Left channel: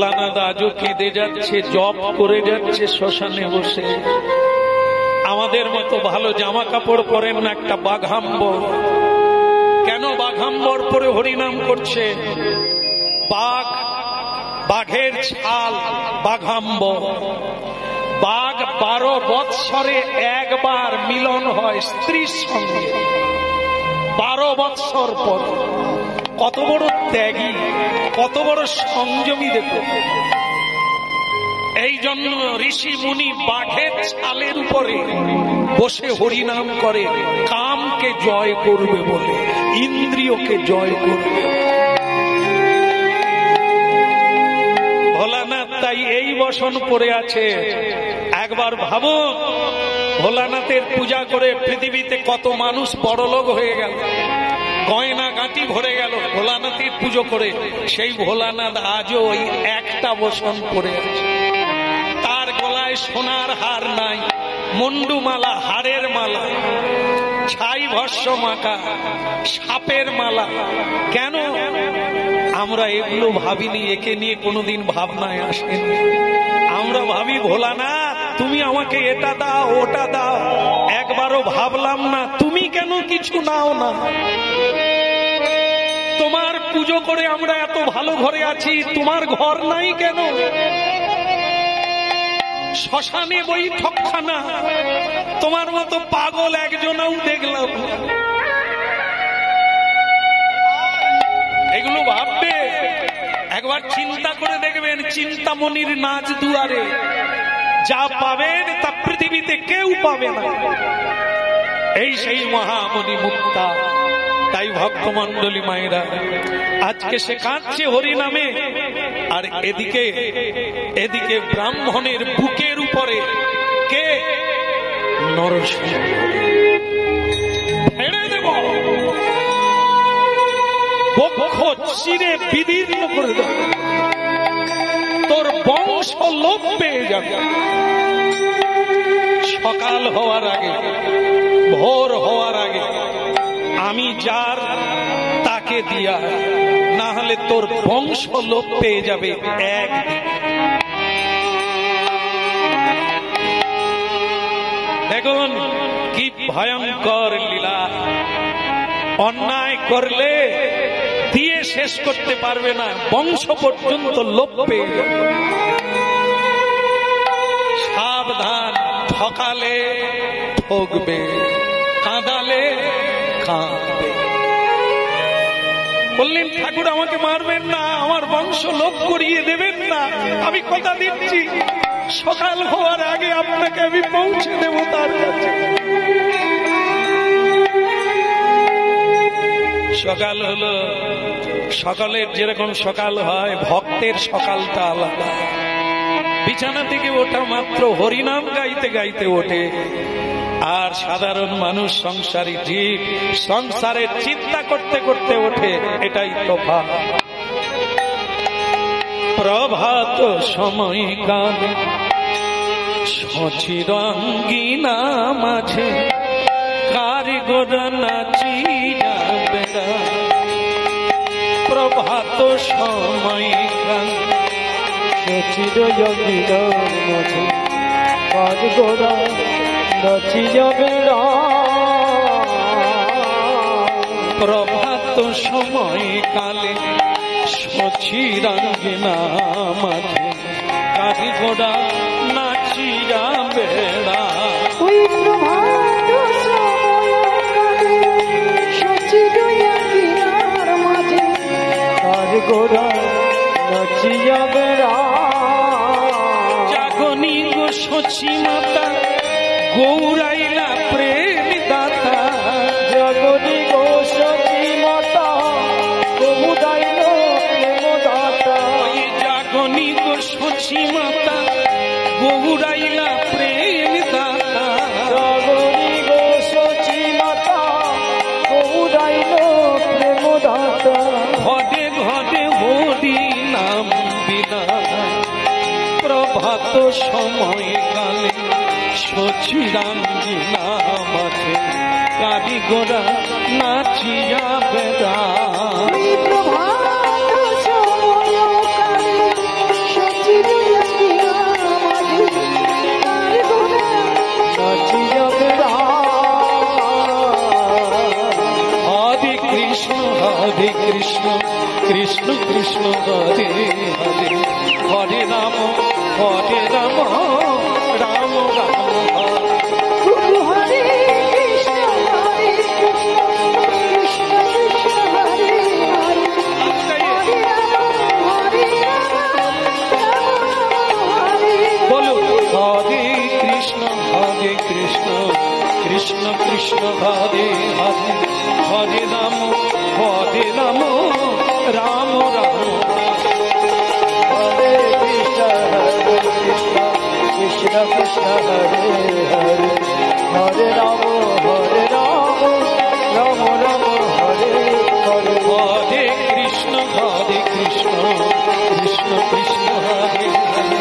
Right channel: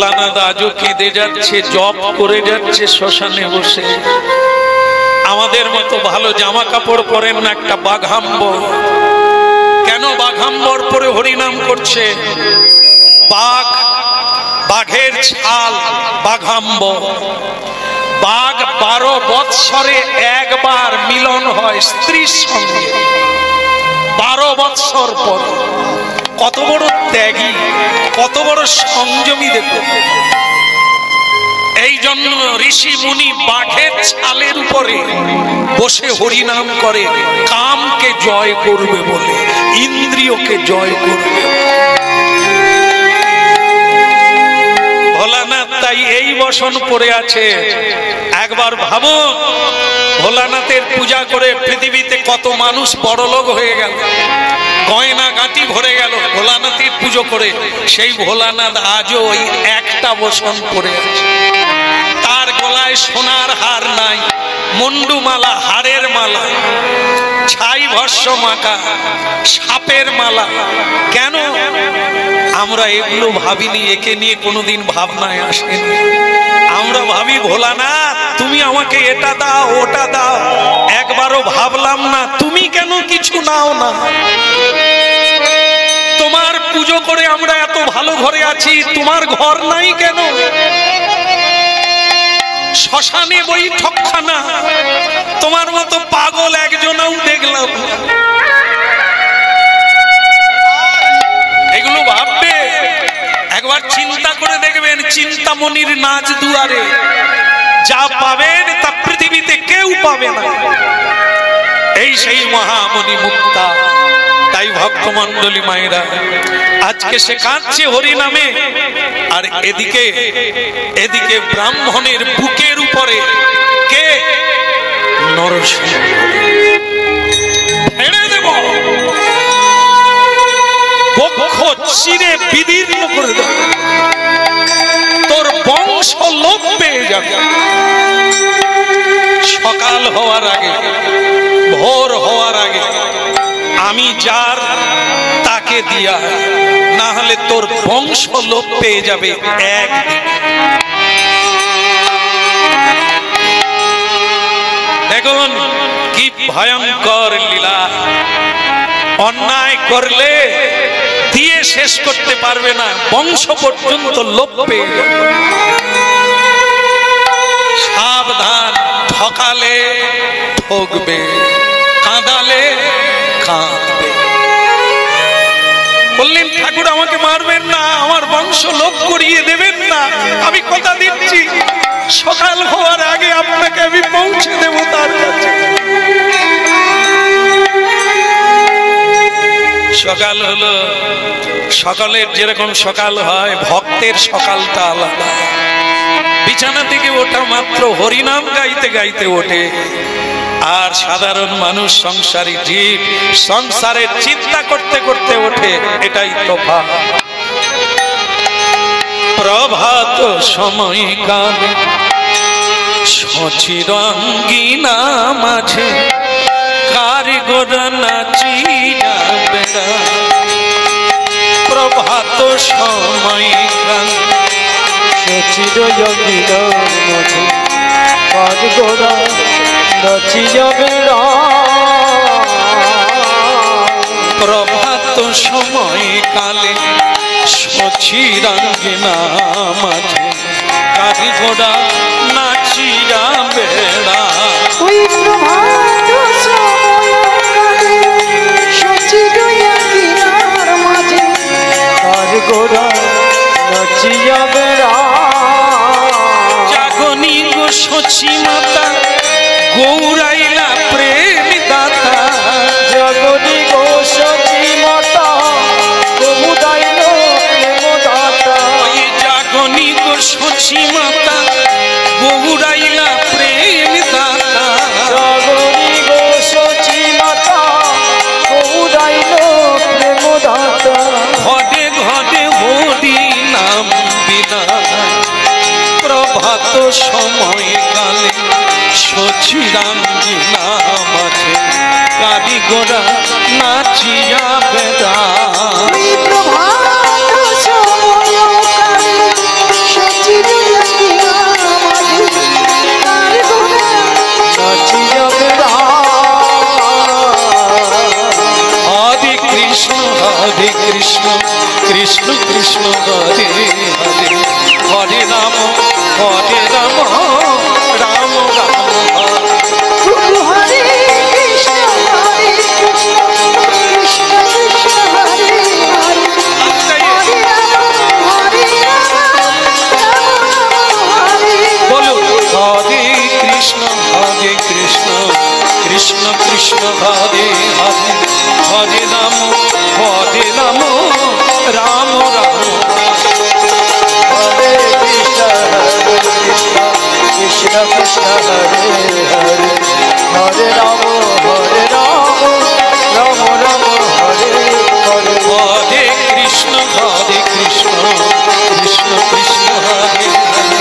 ভোলানাথ আজও কেঁদে যাচ্ছে, জপ করে যাচ্ছে শ্মশানে বসে। আমাদের মতো ভালো জামা কাপড় পরেন না, একটা বাঘাম্বর। কেন বাঘাম্বর পরে হরিনাম করছে? বাঘ, বাঘের ছাল বাঘাম্বর। বাঘ 12 বৎসরে একবার মিলন হয় স্ত্রীর সঙ্গে, 12 বৎসর পর। কত বড় ত্যাগী, কত বড় সংযমী দেখো। এই জন্য ঋষি মুনি বাঘের ছালের উপরে বসে হরিনাম করে, কামকে জয় করবে বলে, ইন্দ্রিয়কে জয় করবে। ভোলানাথ তাই এই বসন পড়ে আছে। একবার ভাবুন, ভোলানাথের পূজা করে পৃথিবীতে কত মানুষ বড়লোক হয়ে গেল, গয়না গাঁটি ভরে গেল ভোলানাথের পুজো করে। সেই ভোলানাথ আজও ওই একটা বসন পড়ে আছে। তার গলায় সোনার হার নাই, মুন্ডুমালা, হাড়ের মালা, ছাই ভস্য মাখা, সাপের মালা। কেন আমরা এগুলো ভাবিনি? একে নিয়ে কোনোদিন ভাবনায় আসেনি। আমরা ভাবি ভোলানাথ তুমি আমাকে এটা দাও ওটা দাও। একবারও ভাবলাম না তুমি কেন কিছু নাও না? তোমার পুজো করে আমরা এত ভালো ঘরে আছি, তোমার ঘর নাই কেন? শ্মশানে বৈঠকখানা, তোমার মতো পাগল একজনও দেখলাম। এগুলো ভাববে, একবার চিন্তা করে দেখবেন। চিন্তামণির নাচ দুয়ারে যা পাবেন তা পৃথিবীতে কেউ পাবে না। এই সেই মহামণি মুক্তা। তাই ভক্তমণ্ডলী মায়েরা আজকে সে কাঁদছে হরি নামে, আর এদিকে এদিকে ব্রাহ্মণের বুকের উপরে কে? নরসিংহ। ছেড়ে দেব, বক্ষ চিরে বিদীর্ণ করে দেব, তোর বংশ লোপ পেয়ে যাবে। সকাল হওয়ার আগে, ভোর হওয়ার আগে আমি যার তাকে দিয়া, না হলে তোর বংশ লোপ পেয়ে যাবে একদিন। দেখুন কি ভয়ঙ্কর লীলা। অন্যায় করলে দিয়ে শেষ করতে পারবে না, বংশ পর্যন্ত লোপ পেয়ে যাবে। সাবধান, ঠকালে ঠকবে, কাঁদালে কাঁদবে। বললেন ঠাকুর আমাকে মারবেন না, আমার বংশ লোপ করিয়ে দেবেন না। আমি কথা দিচ্ছি সকাল হওয়ার আগে আপনাকে আমি পৌঁছে দেব তার কাছে। সকাল হলো, সকালের যেরকম সকাল হয়, ভক্তের সকালটা আলাদা। বিছানা থেকে ওঠা মাত্র হরিনাম গাইতে গাইতে ওঠে। আর সাধারণ মানুষ, সংসারী জীব, সংসারের চিন্তা করতে করতে ওঠে। এটাই তফাৎ। প্রভাত সময় কালে সচির অঙ্গিনা মাঝে কারিগর নাচিয়া বেড়া। প্রভাত সময় কালে সচির অঙ্গিনা মাঝে কারিগর নাচিয়া বেড়া। প্রভাত সময় কালে সচির অঙ্গিনা মাঝে কারিগরা নাচিয়া বেড়া। ওই প্রভাত সময় কালে সচির অঙ্গিনার মাঝে কারিগরা নাচিয়া বেড়া। জাগনি গো সচি মাতা গৌরাইলা প্রেম দাতা। জাগনি গো সচি মাতা গৌরাইলা প্রেম দাতা। ওই জাগনি গো সচি মাতা গৌরাইলা প্রেম দাতা। জাগনি গো সচি মাতা গৌরাইলা প্রেম দাতা। ঘরে ঘরে হরি নাম বিনা। প্রভাত সময় কালে সচিরাঙ্গিনা মাঝে কারিগরা নাচিয়া বেড়া। ওই প্রভাত সময় কালে হরে কৃষ্ণ কৃষ্ণ কৃষ্ণ হরে হরে হরে রাম রাম রাম গুরু হরে কৃষ্ণ কৃষ্ণ কৃষ্ণ হরে হরে হরে রাম বলুন হরে কৃষ্ণ কৃষ্ণ কৃষ্ণ হরে হরে হরে রাম রাম রাম হরে কৃষ্ণ কৃষ্ণ কৃষ্ণ হরে হরে হরে রাম রাম রাম হরে হরে হরে কৃষ্ণ কৃষ্ণ কৃষ্ণ হরে হরে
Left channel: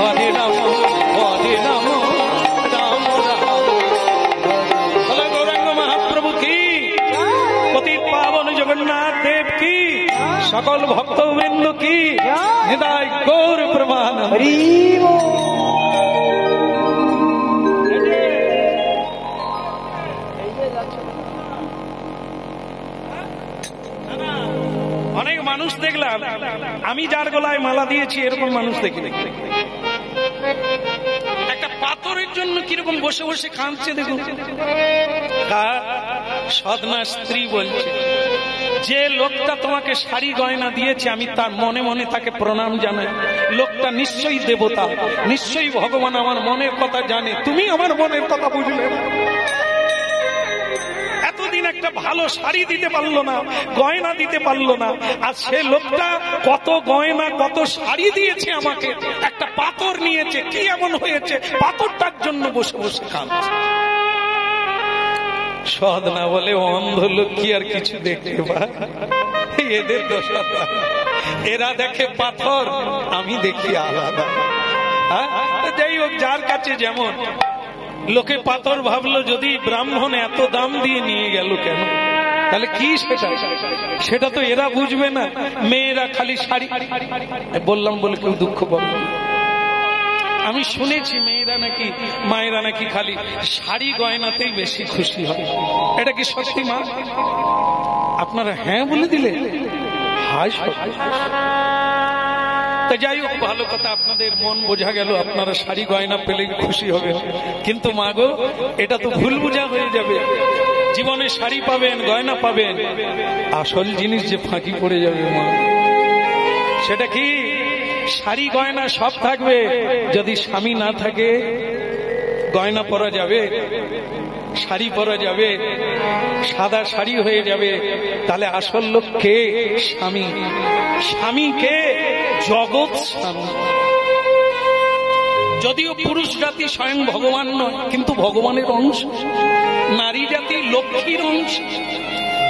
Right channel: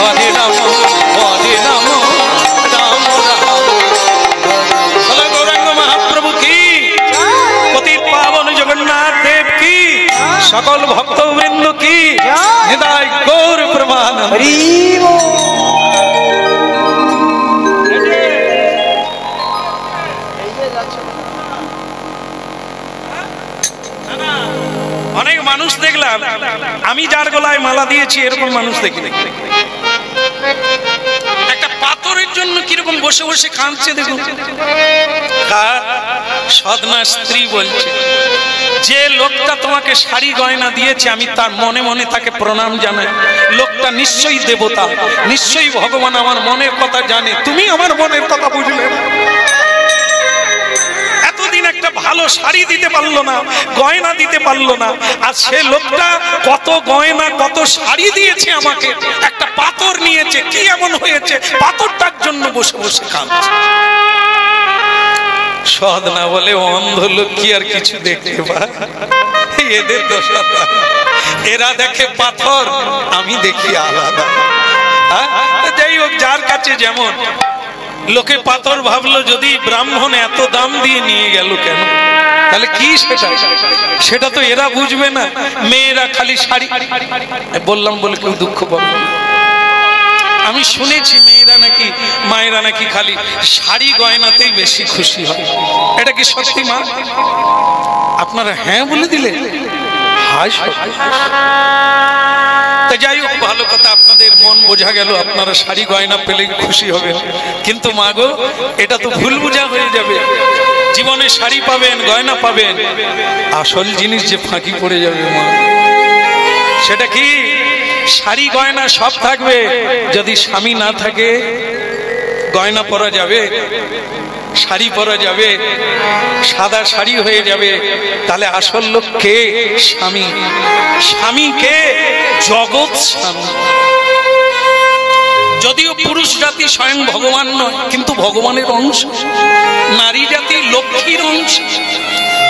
হরে রাম রাম রাম বলো গৌরাঙ্গ মহাপ্রভু কি, পতিত পাবন জগন্নাথ দেব কি, সকল ভক্তবৃন্দ কি, হৃদয় গৌর প্রমাণ। হরি বল। অনেক মানুষ দেখলাম, আমি যার গলায় মালা দিয়েছি এরকম মানুষ দেখি, একটা পাথরের জন্য কিরকম বসে বসে কাঁদছে দেখুন। সদনা স্ত্রী বলছে, যে লোকটা তোমাকে শাড়ি গয়না দিয়েছে আমি তার মনে মনে তাকে প্রণাম জানাই। লোকটা নিশ্চয়ই দেবতা, নিশ্চয়ই ভগবান আমার মনের কথা জানে, তুমি আমার মনের কথা বুঝলে না। এতদিন একটা ভালো শাড়ি দিতে পারলো না, গয়না দিতে পারলো না, আর সে লোকটা কত গয়না কত শাড়ি দিয়েছে আমাকে, একটা পাথর নিয়েছে, কি এমন হয়েছে পাথরটার জন্য বসে বসে কাঁদছে। সদনা বলে, অন্ধ লোক কি আর কিছু দেখতে পায়, এদের দশা, এরা দেখে পাথর, আমি দেখি আলাদা। যাই হোক, যার কাছে যেমন, লোকে পাথর ভাবলো, যদি ব্রাহ্মণ এত দাম দিয়ে নিয়ে গেল কেন, তাহলে কি সেটা তো এরা বুঝবে না। মেয়েরা খালি শাড়ি, বললাম বলে কেউ দুঃখ পাবে, আমি শুনেছি মেয়েরা নাকি, মায়েরা নাকি খালি শাড়ি গয়নাতেই বেশি খুশি হয়। এটা কি সত্যি মা? আপনারা হ্যাঁ বলে দিলে, হায় সত্যি। তা যাই হোক, ভালো কথা, আপনাদের মন বোঝা গেল, আপনারা শাড়ি গয়না পেলে খুশি হবে। কিন্তু মা গো, এটা তো ভুল বোঝা হয়ে যাবে। জীবনে শাড়ি পাবেন, গয়না পাবেন, আসল জিনিস যে ফাঁকি পড়ে যাবে মা, সেটা কি? শাড়ি গয়না সব থাকবে, যদি স্বামী না থাকে গয়না পরা যাবে, শাড়ি পরা যাবে, সাদা শাড়ি হয়ে যাবে, তাহলে আসল লোক কে? স্বামী। স্বামী কে? জগৎ স্বামী। যদিও পুরুষ জাতি স্বয়ং ভগবান নয়, কিন্তু ভগবানের অংশ। নারী জাতি লক্ষ্মীর অংশ,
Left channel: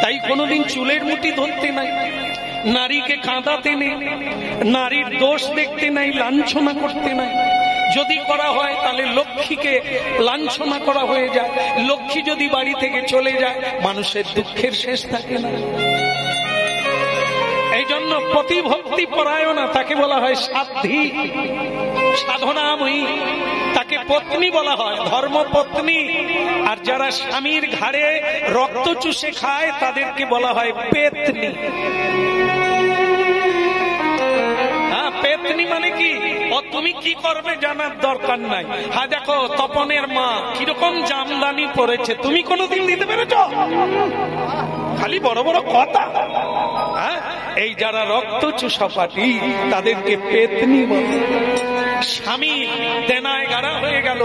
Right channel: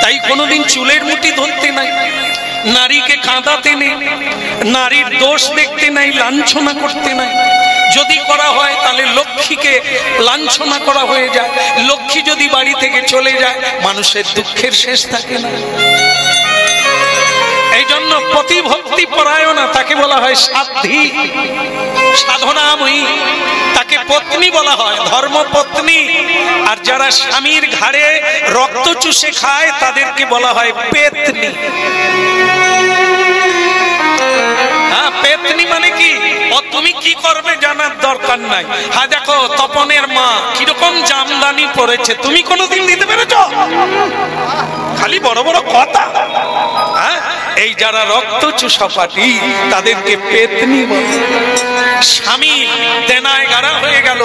তাই কোনোদিন চুলের মুঠি ধরতে নাই, নারীকে কাঁদাতে নেই, নারীর দোষ দেখতে নাই, লাঞ্ছনা করতে নাই। যদি করা হয় তাহলে লক্ষ্মীকে লাঞ্ছনা করা হয়ে যায়। লক্ষ্মী যদি বাড়ি থেকে চলে যায়, মানুষের দুঃখের শেষ থাকে না। এই জন্য প্রতিভক্তি পরায়ণা, তাকে বলা হয় সাধ্বী, সাধনাময়ী, তাকে পত্নী বলা হয়, ধর্মপত্নী। আর যারা স্বামীর ঘাড়ে রক্ত চুষে খায় তাদেরকে বলা হয় পেতনি। হ্যাঁ, পেতনি মানে কি? ও তুমি কি করবে জানার দরকার নাই। হ্যাঁ, দেখো তপনের মা কিরকম জামদানি পরেছে, তুমি কোনোদিন দিতে পেরেছ? খালি বড় বড় কথা। হ্যাঁ, এই যারা রক্ত চুষাপাটি তাদেরকে পেতনি বলে। স্বামী দেনায় গাড়া হয়ে গেল,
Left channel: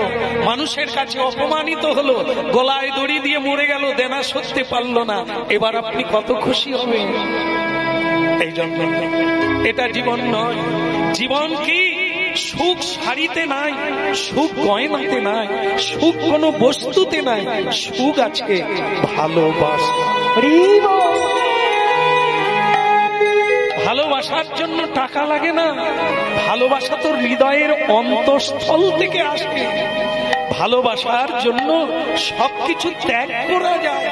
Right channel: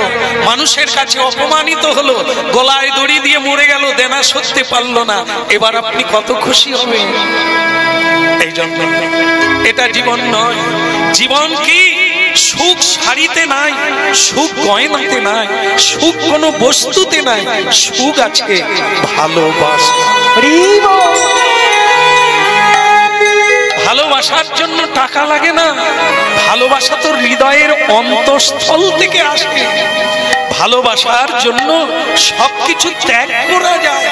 মানুষের কাছে অপমানিত হলো, গলায় দড়ি দিয়ে মরে গেল, দেনা সরতে পারলো না, এবার আপনি কত খুশি হবেন? এই জন্য এটা জীবন নয়। জীবন কি? সুখ শাড়িতে নাই, সুখ গয়নাতে নাই, সুখ কোনো বস্তুতে নাই, সুখ আছে ভালোবাসা। ভালোবাসার জন্য টাকা লাগে না, ভালোবাসা তো হৃদয়ের অন্তঃস্থল থেকে আসে। ভালোবাসার জন্য সবকিছু ত্যাগ করা যায়।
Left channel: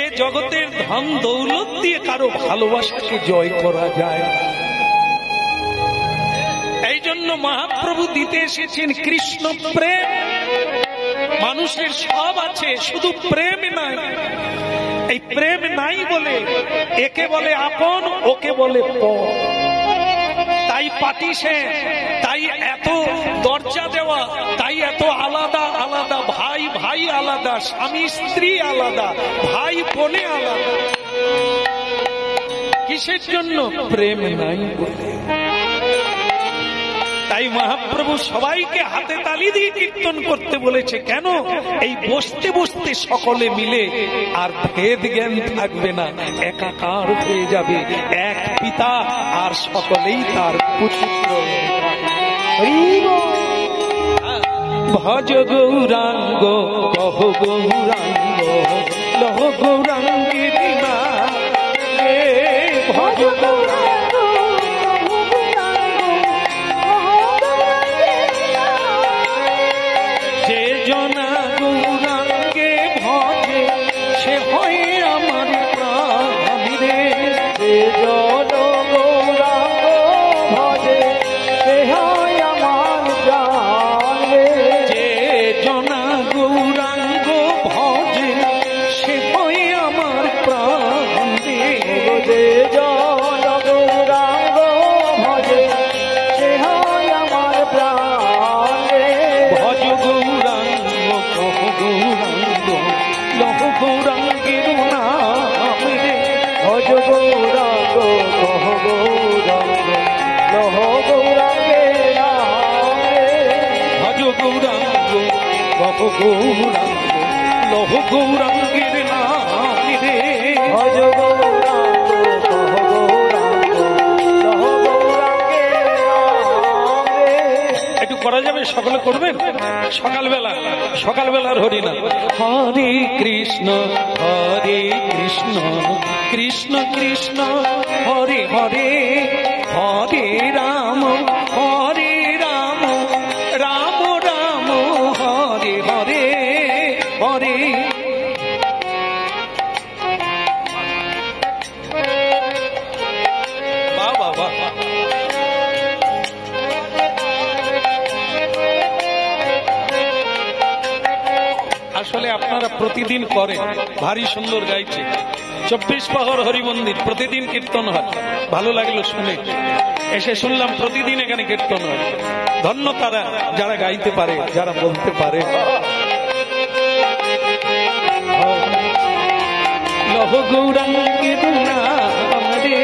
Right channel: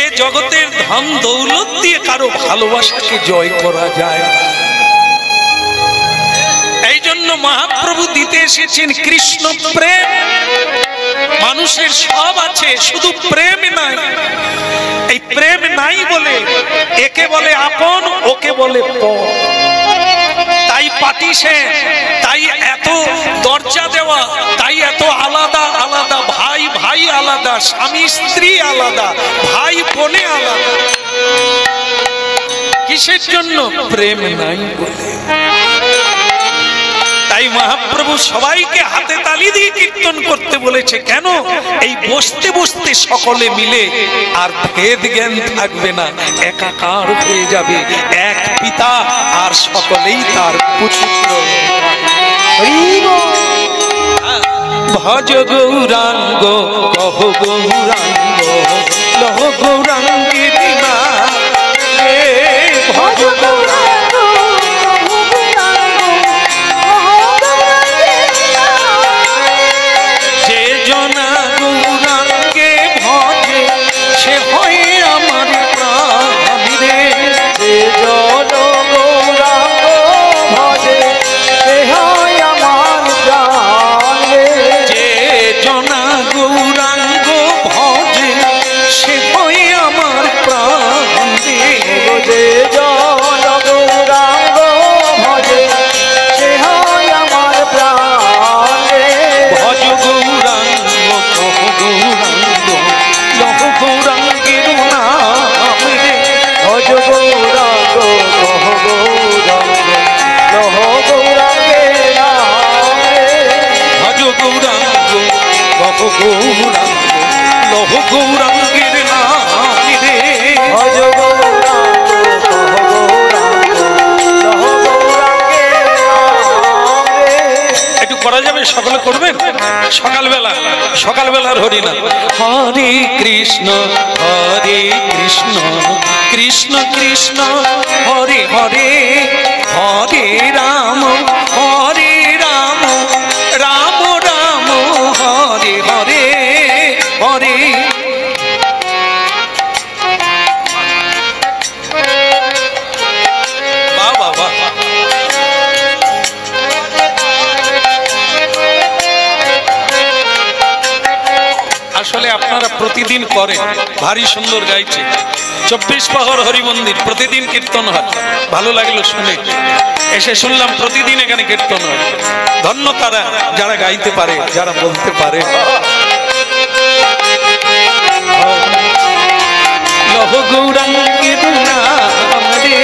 এ জগতের ধন দৌলত দিয়ে কারো ভালোবাসাকে জয় করা যায়। এই জন্য মহাপ্রভু দিতে এসেছেন কৃষ্ণ প্রেম। মানুষের সব আছে, শুধু প্রেম নাই। এই প্রেম নাই বলে একে বলে আপন, ওকে বলে পর। তাই পাটিসেন, তাই এত দরজা দেওয়া, তাই এত আলাদা আলাদা, ভাই ভাই আলাদা, স্বামী স্ত্রী আলাদা, ভাই বোনে আলাদা। কিসের জন্য? প্রেম নাই বলে। তাই মহাপ্রভু সবাইকে হাতে তালি দিয়ে কীর্তন করতে বলেছে। কেন? এই বসতে বসতে সকলে মিলে আর ভেদ জ্ঞান থাকবে না, একাকার হয়ে যাবে, এক পিতা আর সকলেই তার পুত্র। ভজ গৌরাঙ্গ কহ গৌরাঙ্গ লহ গৌরাঙ্গের নাম, ভজ গৌরাঙ্গ যে জনা গৌরাঙ্গে ভজে সে হয় আমার প্রাণ রে। যে জন গৌরাঙ্গ ভজে সে হয় আমার প্রাণ রে। যে জনা গৌরাঙ্গ ভজে সে হয় আমার প্রাণ রে। যে জন গৌরাঙ্গ ভজে সে হয় আমার প্রাণ রে। ভজ গৌরাঙ্গ কহ গৌরাঙ্গ লহ গৌরাঙ্গের নাম রে। ভজ গৌরাঙ্গ কহ গৌরাঙ্গ লহ গৌরাঙ্গের নাম রে। ভজ গৌরাঙ্গ কহ গৌরাঙ্গ লহ গৌরাঙ্গের নাম রে। ভজ গৌরাঙ্গ কহ গৌরাঙ্গ লহ গৌরাঙ্গের নাম রে। একটু করা যাবে? সকলে করবেন সকালবেলা, সকালবেলার হরিনাম। হরে কৃষ্ণ কৃষ্ণ কৃষ্ণ হরে হরে, হরে রাম রাম রাম হরে হরে হরে। বাহ বাহ বাহ। আসলে আপনারা প্রতিদিন করেন, ভারী সুন্দর গাইছে। 24 প্রহর হরি মন্দির প্রতিদিন কীর্তন হয়, ভালো লাগলো শুনে। এসে শুনলাম প্রতিদিন এখানে কীর্তন হয়। ধন্য তারা যারা গাইতে পারে, যারা বলতে পারে। লহ গৌরাঙ্গের নাম রে,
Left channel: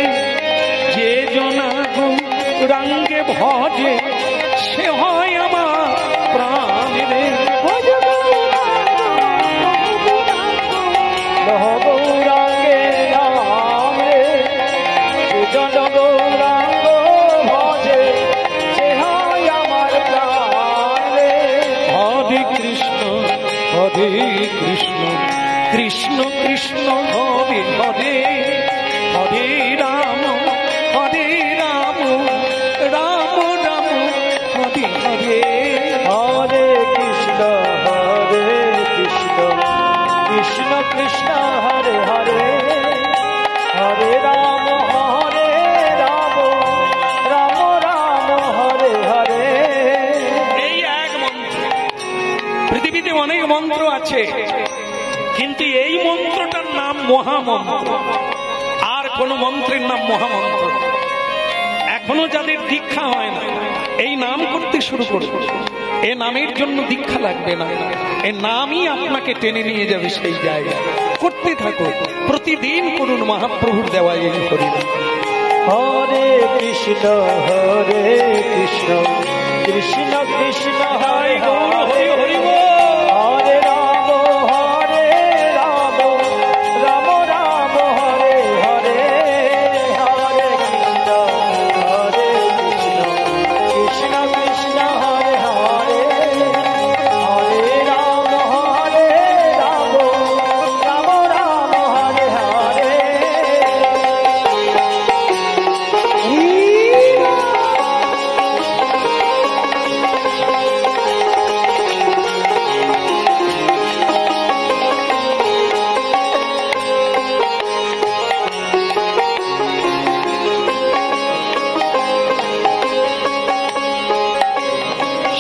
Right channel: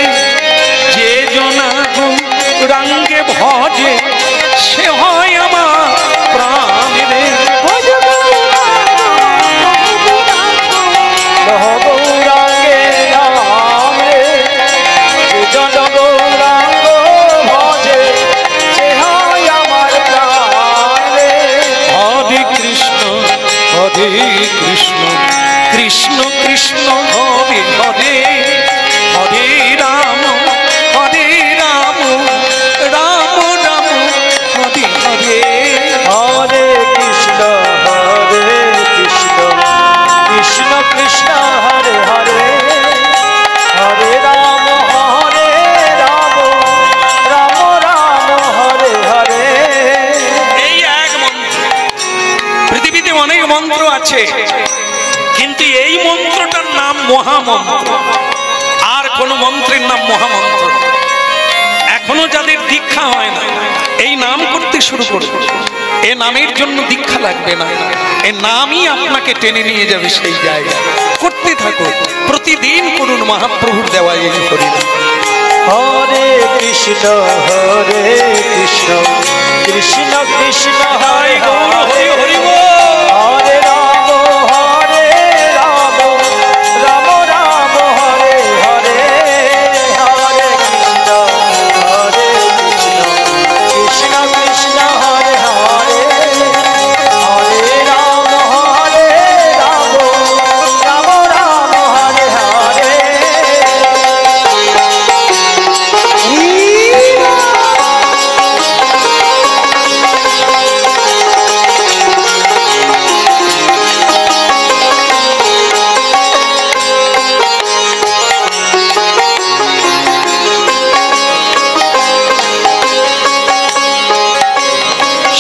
যে জনা গৌরাঙ্গে ভজে সে হয় আমার প্রাণ রে। লহ গৌরাঙ্গের নাম রে। যে জন গৌরাঙ্গ ভজে সে হয় আমার প্রাণ রে। হরে কৃষ্ণ কৃষ্ণ কৃষ্ণ হরে হরে, হরে রাম রাম রাম হরে হরে। হরে কৃষ্ণ কৃষ্ণ কৃষ্ণ হরে হরে, হরে রাম রাম রাম হরে হরে। এই এক মন্ত্র। পৃথিবীতে অনেক মন্ত্র আছে, কিন্তু এই মন্ত্রটার নাম মহামন্ত্র। আর কোন মন্ত্রের নাম মহামন্ত্র। এখনো যাদের দীক্ষা হয় না, এই নাম করতে শুরু করবে, এ নামের জন্য দীক্ষা লাগবে না, এ নামই আপনাকে টেনে নিয়ে যাবে সেই জায়গায়। করতে থাকো, প্রতিদিন করুন মহাপ্রভুর দেওয়া এই হরিনাম। হরে কৃষ্ণ কৃষ্ণ কৃষ্ণ হরে হরে, হরি হরি বল। হরে রাম রাম রাম হরে হরে। হরে কৃষ্ণ কৃষ্ণ কৃষ্ণ হরে হরে, হরে রাম রাম রাম হরে হরে।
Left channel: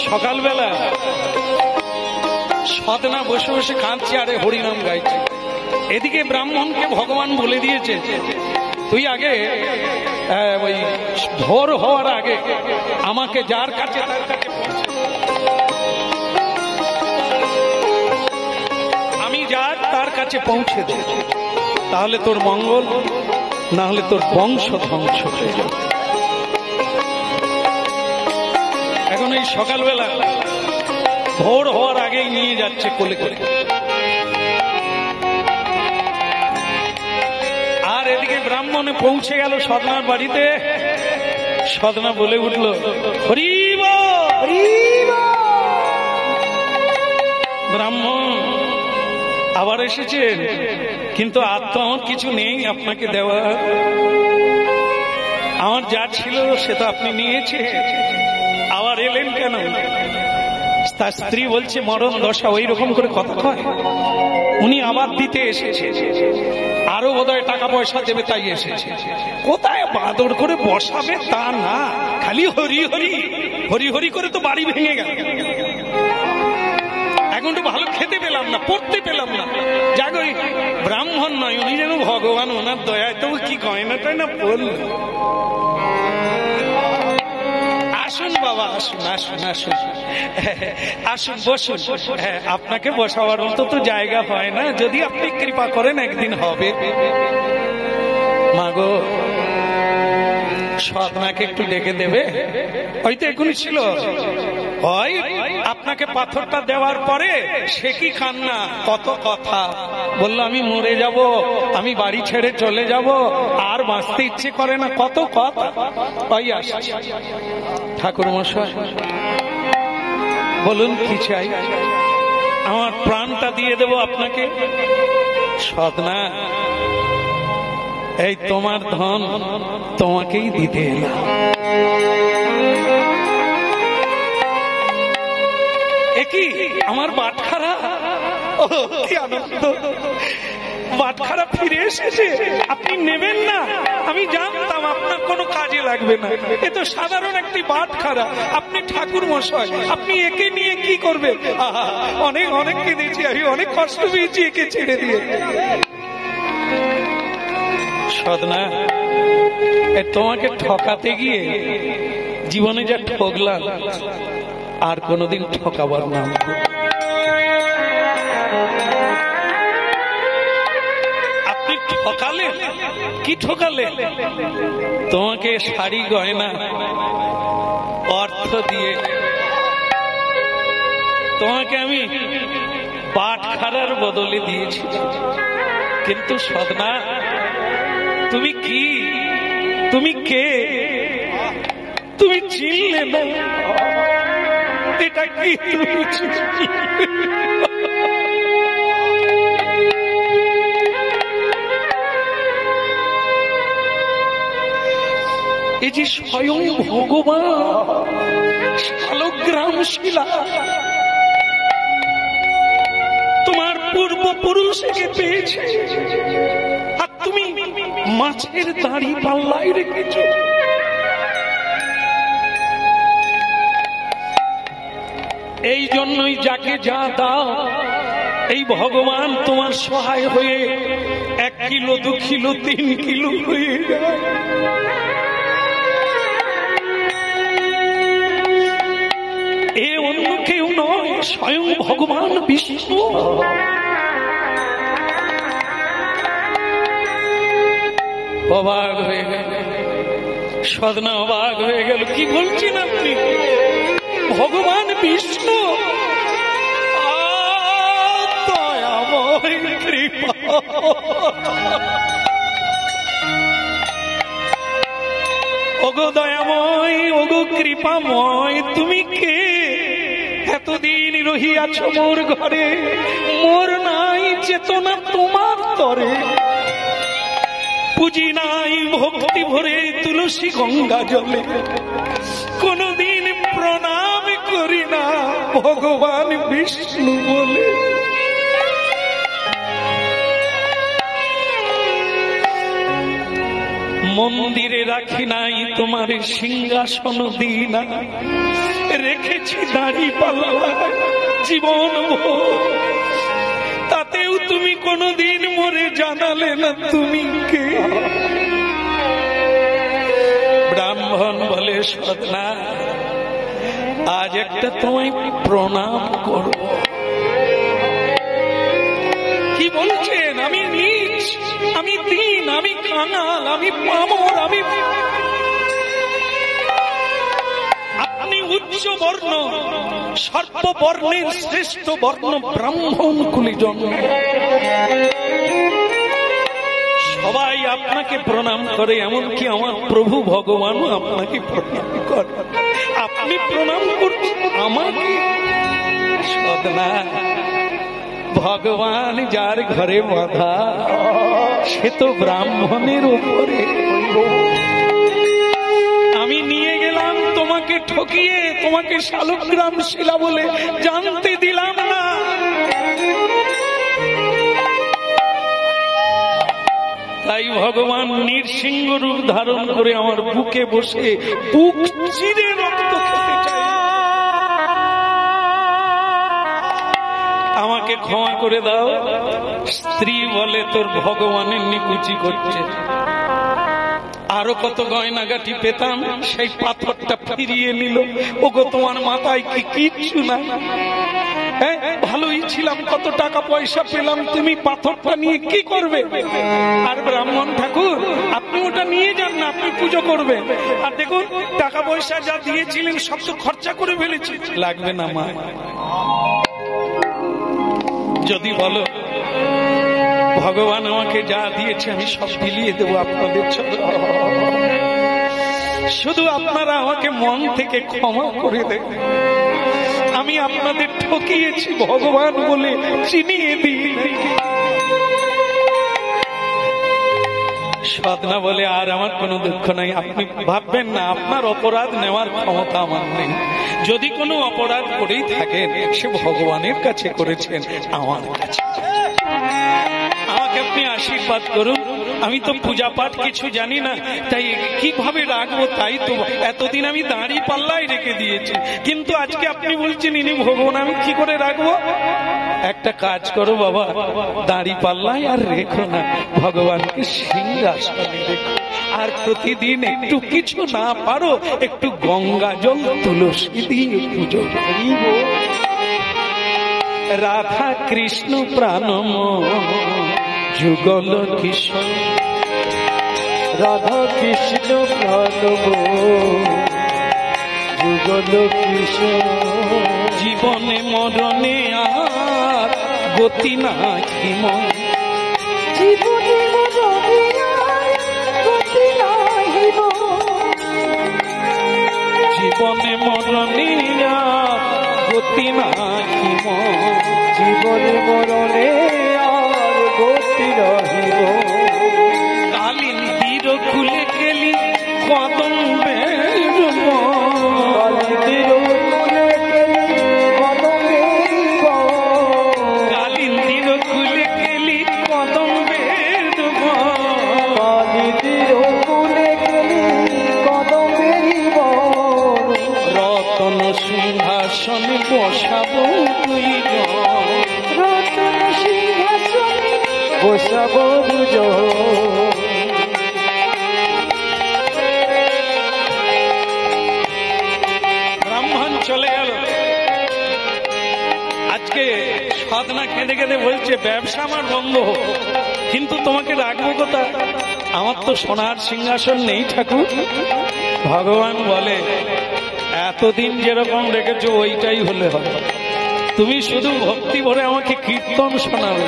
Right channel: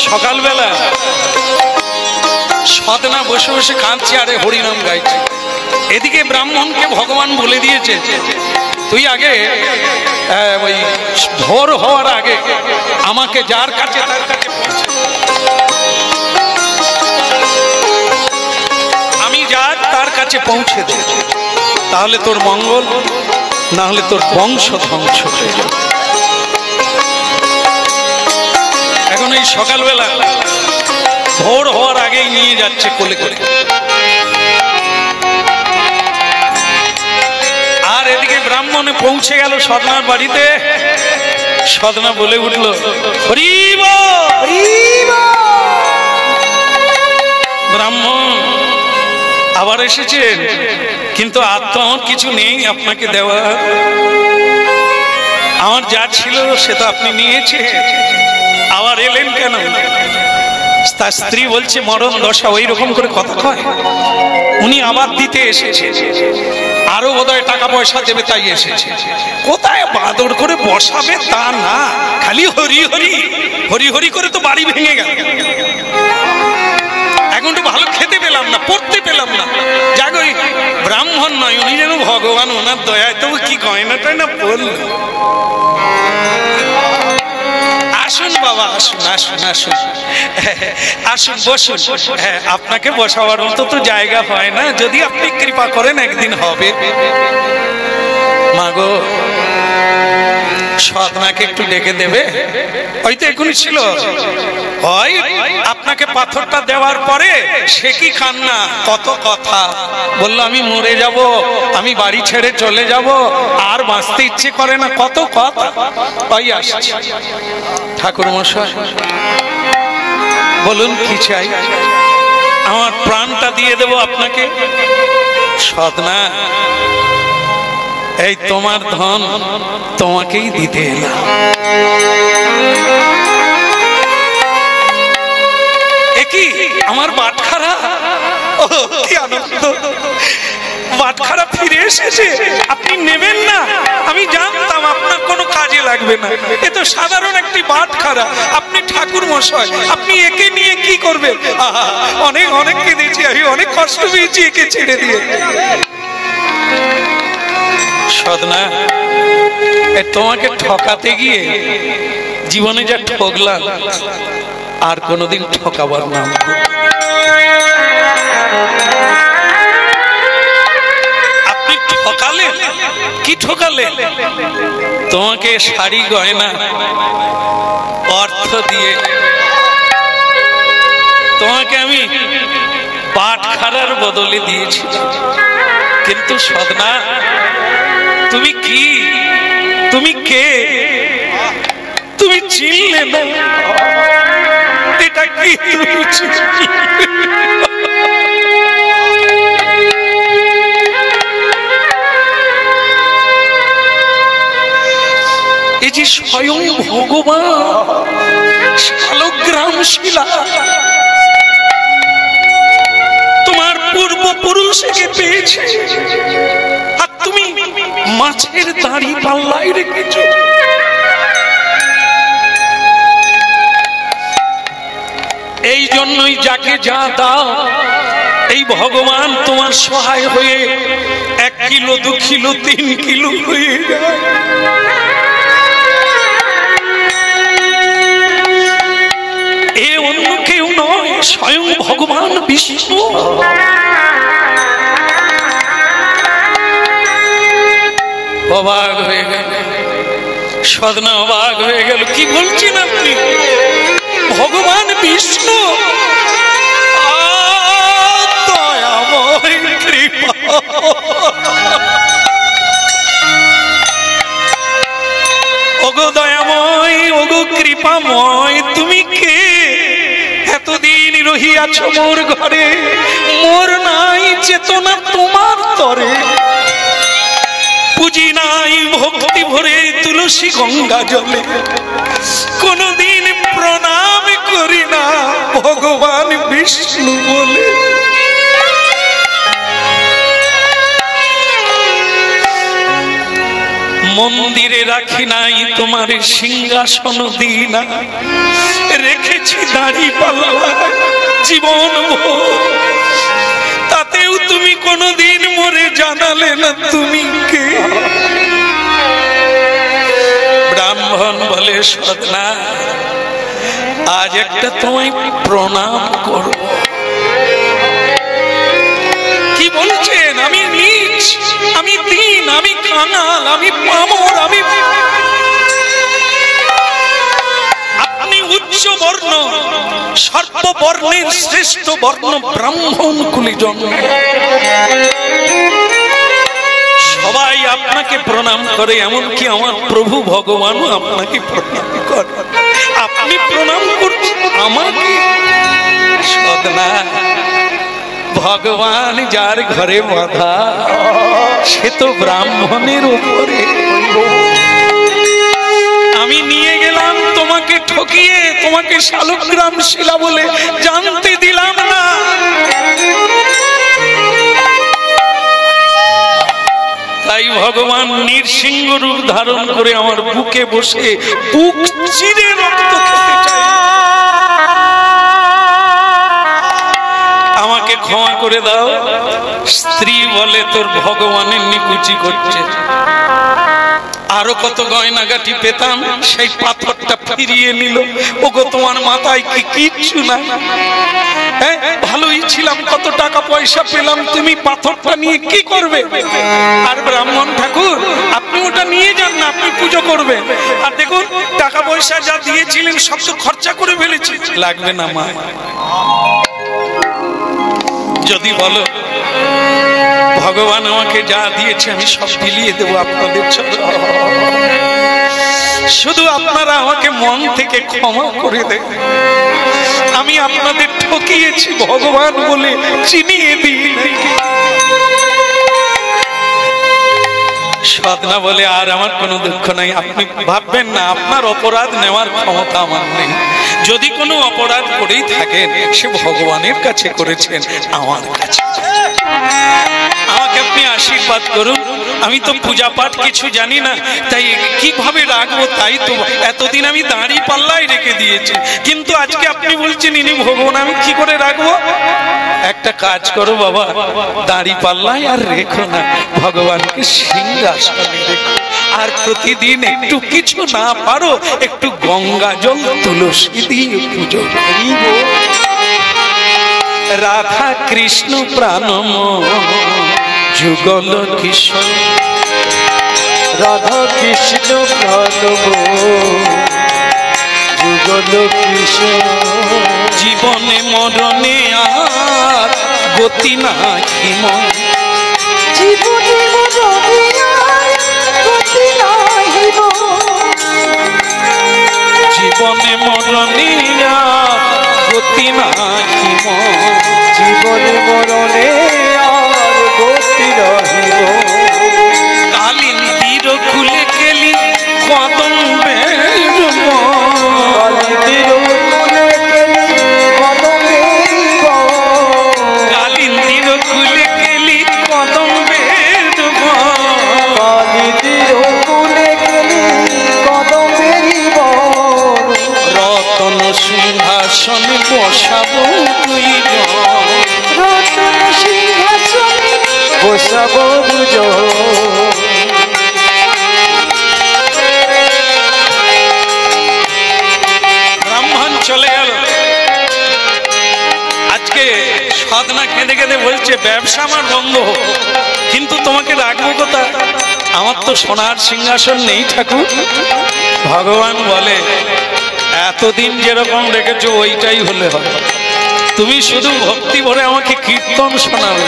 সকালবেলা সদনা বসে বসে কাঁদছে, আরে হরিনাম গাইছে। এদিকে ব্রাহ্মণকে ভগবান বলে দিয়েছে, তুই আগে ওই ভোর হওয়ার আগে আমাকে যার কাছে তার কাছে আমি যার তার কাছে পৌঁছে দে, তাহলে তোর মঙ্গল, না হলে তোর বংশ ধ্বংস হয়ে যাবে। এখন এই সকালবেলা ভোর হওয়ার আগেই নিয়ে যাচ্ছে কোলে করে, আর এদিকে ব্রাহ্মণে পৌঁছে গেল সদনার বাড়িতে। সদনা বলে উঠল, হরি বল। ব্রাহ্মণ আবার এসেছেন, কিন্তু আর তো আমার কিছু নেই আপনাকে দেওয়া। আমার যা ছিল সে তো আপনি নিয়েছে, আবার এলেন কেন? তার স্ত্রী বলছে, মরণ দশা, ওই রকম করে কথা কয়। উনি আবার দিতে এসেছে, আরো বোধহয় টাকা পয়সা দেবে তাই এসেছে। কোথায় বাদর করে বসাবে তা না, খালি হরি হরি হরি হরি করে তো বাড়ি ভেঙে গেল। এখন তো ভালো খেতে পেলাম না, পড়তে পেলাম না। যাক, ওই ব্রাহ্মণ নয়, উনি যেন ভগবান, ওনার দয়ায় তবু কি গয়না টয়না পড়ল। আসুন বাবা, আসুন আসুন আসুন আসুন, বসুন। হ্যাঁ, আপনাকে বসাবার মতো তো জায়গা হয় না, যদি আপনি কৃপা করেন একদিন হবে। মাগো, সদনাকে একটু ডেকে দেবে? হয়তো এখনই ছিল, হয় আপনাকে পাথরটা দেওয়ার পরে সে কি খান না, কত কথা বললো, আমি মরে যাব, আমি বাড়ি ছেড়ে চলে যাব, আর বাঁচতে ইচ্ছে করে না, কত কথা। তাই আসছে। ঠাকুর মশাই বলুন কি চাই? আমার প্রাণটা দিয়ে দেব আপনাকে। সদনা, এই তোমার ধন তোমাকেই দিতে এলাম। কি আমার বাটখারা, কি আনন্দ! বাটখারা ফিরে এসেছে, আপনি নেবেন না? আমি জানতাম আপনার কোনো কাজে লাগবে না, এ তো সাধারণ একটি বাটখারা। আপনি ঠাকুর মশাই, আপনি একে নিয়ে কি করবেন? অনেক অনেক কেঁদেছি আমি, অনেক কষ্ট পেয়েছি একে ছেড়ে দিয়ে। সদনা, তোমাকে ঠকাতে গিয়ে জীবনে যা ঠকলাম, আর কোনদিন ঠকাবার নাম। আপনি ঠকালেন, কি ঠকালেন? তোমাকে শাড়ি গয়না অর্থ দিয়ে তোমাকে আমি বাটখারার বদলে দিয়েছি। কিন্তু সদনা, তুমি কি, তুমি কে? তুমি চিনলে না? এটা কি তুমি চিনলে? এই যে স্বয়ং ভগবান শালগ্রাম শিলা, তোমার পূর্বপুরুষকে পেয়েছে, আর তুমি মাছের দাড়ি পাল্লায় রেখেছো। এই জন্যই যাকে যা দাও, এই ভগবান তোমার সহায় হয়ে 1 কিলো 2 কিলো 3 কিলো হয়ে যায়। এ অন্য কেউ নয়, স্বয়ং ভগবান বিষ্ণু। অবাক হয়ে গেল সদনা, অবাক হয়ে গেল। কি বলছেন আপনি? ভগবান বিষ্ণু? দয়াময় কৃপা, ওগো দয়াময়, ওগো কৃপাময়, তুমি কে? এতদিন রহিয়াছ মোর ঘরে, মোর নাই চেতনা তোমার তরে, পুজি নাই ভক্তি ভরে তুলসী গঙ্গা জলে, কোনদিন প্রণাম করি না ভগবান বিষ্ণু বলে। মন্দিরে রাখি নাই তোমার সিংহাসন দিনা, রেখেছি দাড়ি পাল্লা জীবন, তাতেও তুমি কোনোদিন মরে জানালে না তুমি কে? ব্রাহ্মণ বলে সদনা, আজ একটা তোমায় প্রণাম করব। কি বলছেন? আমি নীচ, আমি দীন, আমি কাঙাল, আমি পামর, আপনি উচ্চ বর্ণ, সর্ববর্ণের শ্রেষ্ঠ বর্ণ ব্রাহ্মণ কুলে জন্ম। সবাই আপনাকে প্রণাম করে, এমনকি আমার প্রভু ভগবানও আপনাকে প্রণাম করে। আপনি প্রণাম করছেন আমাকে? সদনা, ভগবান যার ঘরে বাঁধা সে তো ব্রাহ্মণের উপরে। আমি নিয়ে গেলাম তোমাকে ঠকিয়ে, তোমাকে শালগ্রাম শিলা বলে জানতে দিলাম না। তাই ভগবান নৃসিংহ রূপ ধারণ করে আমার বুকে বসে বুক চিরে রক্ত খেতে চাই। আমাকে ক্ষমা করে দাও। স্ত্রী বলে তোর ভগবানের নিকুচি করছে। আরো কত গয়নাগাটি পেতাম, সেই পাথরটা ফিরিয়ে নিল। ওগো তোমার মাথায় কি কিচ্ছু নাই? হ্যাঁ, ভালোই ছিলাম, কত টাকা পয়সা পেলাম, তুমি পাথরটা নিয়ে কি করবে? আর ব্রাহ্মণ ঠাকুর, আপনি ওটা নিয়ে যান না, আপনি পুজো করবেন। আর দেখুন, টাকা পয়সা যা দিয়েছিলেন সব তো খরচা করে ফেলেছি। লাগবে না মা, যদি বলো ভগবান আমাকে যা দিয়েছে আমি সব বিলিয়ে দেবো আপনাদের চরণে। শুধু আপনারা আমাকে মন থেকে ক্ষমা করে দেন। আমি আপনাদের ঠকিয়েছি, ভগবান বলে চিনিয়ে দিই। সদনা বলে আর আমার কোনো দুঃখ নাই। আপনি ভাববেন না আপনার অপরাধ নেওয়ার ক্ষমতা আমার নেই। যদি কোনো অপরাধ করেই থাকেন সে ভগবানের কাছে করেছেন, আমার কাছে। আমাকে আপনি আশীর্বাদ করুন। আমি তো পূজা পাঠ কিছু জানি না, তাই কিভাবে রাখবো তাই তো এতদিন আমি দাঁড়ি পাল্লাই রেখে দিয়েছি। কিন্তু আজকে আপনি বলছেন ইনি ভগবান, আমি কি করে রাখবো? একটা কাজ করো বাবা, দাঁড়ি পাল্লাই আর রেখো না, ভগবানকে সিংহাসনে রেখো। আর প্রতিদিন একটু কিছু না পারো একটু গঙ্গা জল তুলসী দিয়ে পুজো করিব। রাধা কৃষ্ণ প্রাণম যুগল কিশোর, রাধা কৃষ্ণ প্রাণব যুগল কিশোর। জীবনে মরণে আর গতি নাহি মন, জীবনে মরণে আর গতি নাহি মন। জীবনে মরণে আর গতি নাহি মন। জীবনে মরণে আর গতি নাহি মন। কালিন্দীর খুলে গেলি কদম্বের মন, কালিন্দীর খুলে গেলি কদম্বের মন। কালিন্দীর খুলে গেলি কদম্বের মন। কালিন্দীর খুলে গেলি কদম্বের মন। রতন সিংহাসনে বসাবো দুইজন, রতন সিংহাসনে বসাবো দুজন। ব্রাহ্মণ চলে গেল। আজকে সাধনা কেঁদে কেঁদে বলছে ব্যবসা আমার বন্ধ হোক, কিন্তু তোমাকে রাখবো কোথায়? আমার তো সোনার সিংহাসন নেই ঠাকুর। ভগবান বলে এতদিন যেরকম রেখেছো ওইটাই হলে হবে। তুমি শুধু ভক্তি ভরে আমাকে কীর্তন শোনাবে,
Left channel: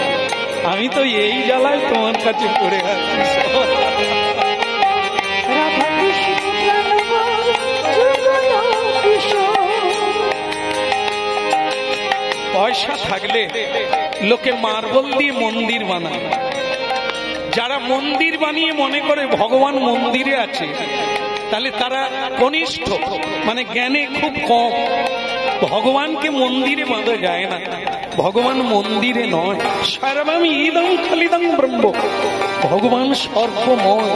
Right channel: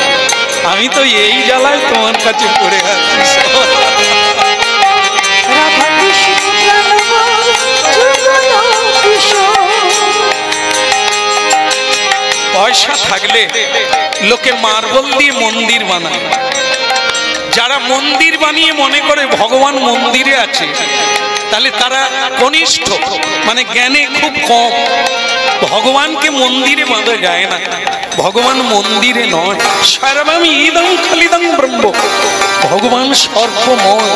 আমি তো এই জ্বালায় তোমার কাছে পড়ে আছি। রাধা কৃষ্ণ প্রাণব যুগল কিশোর। পয়সা থাকলে লোকে মার্বেল দিয়ে মন্দির বানায়। যারা মন্দির বানিয়ে মনে করে ভগবান মন্দিরে আছে, তাহলে তারা কনিষ্ঠ, মানে জ্ঞানে খুব কম। ভগবানকে মন্দিরে বাঁধা যায় না। ভগবান মন্দিরে নয়, সর্বমি ইদং খালিদং ব্রহ্ম, ভগবান সর্বময়,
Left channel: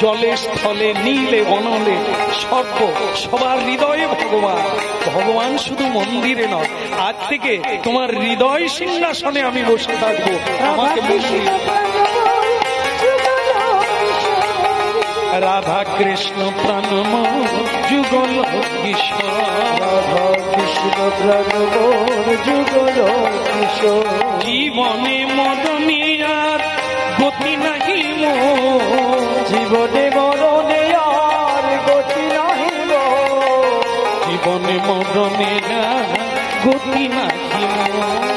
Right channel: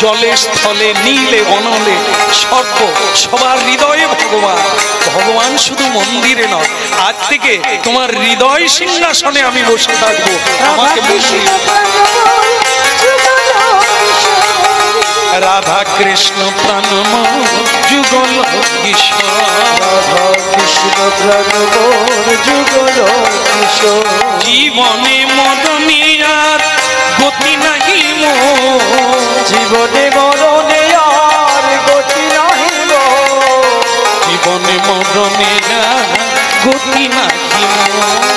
জলে স্থলে নীলে বনলে সর্ব, সবার হৃদয়ে ভগবান। ভগবান শুধু মন্দিরে নয়, আজ থেকে তোমার হৃদয় সিংহাসনে আমি বসে থাকবো। আমাকে রাধা কৃষ্ণ প্রাণময় যুগল কিশোর, রাধা কৃষ্ণ প্রাণমোর যুগল কিশোর, জীবনে মদনিয়ার গতি নাহি মোর, জীবনে মরণে আর গতি নাহি মোর, জীবনে মদনিয়ার গতি নাহি মোর,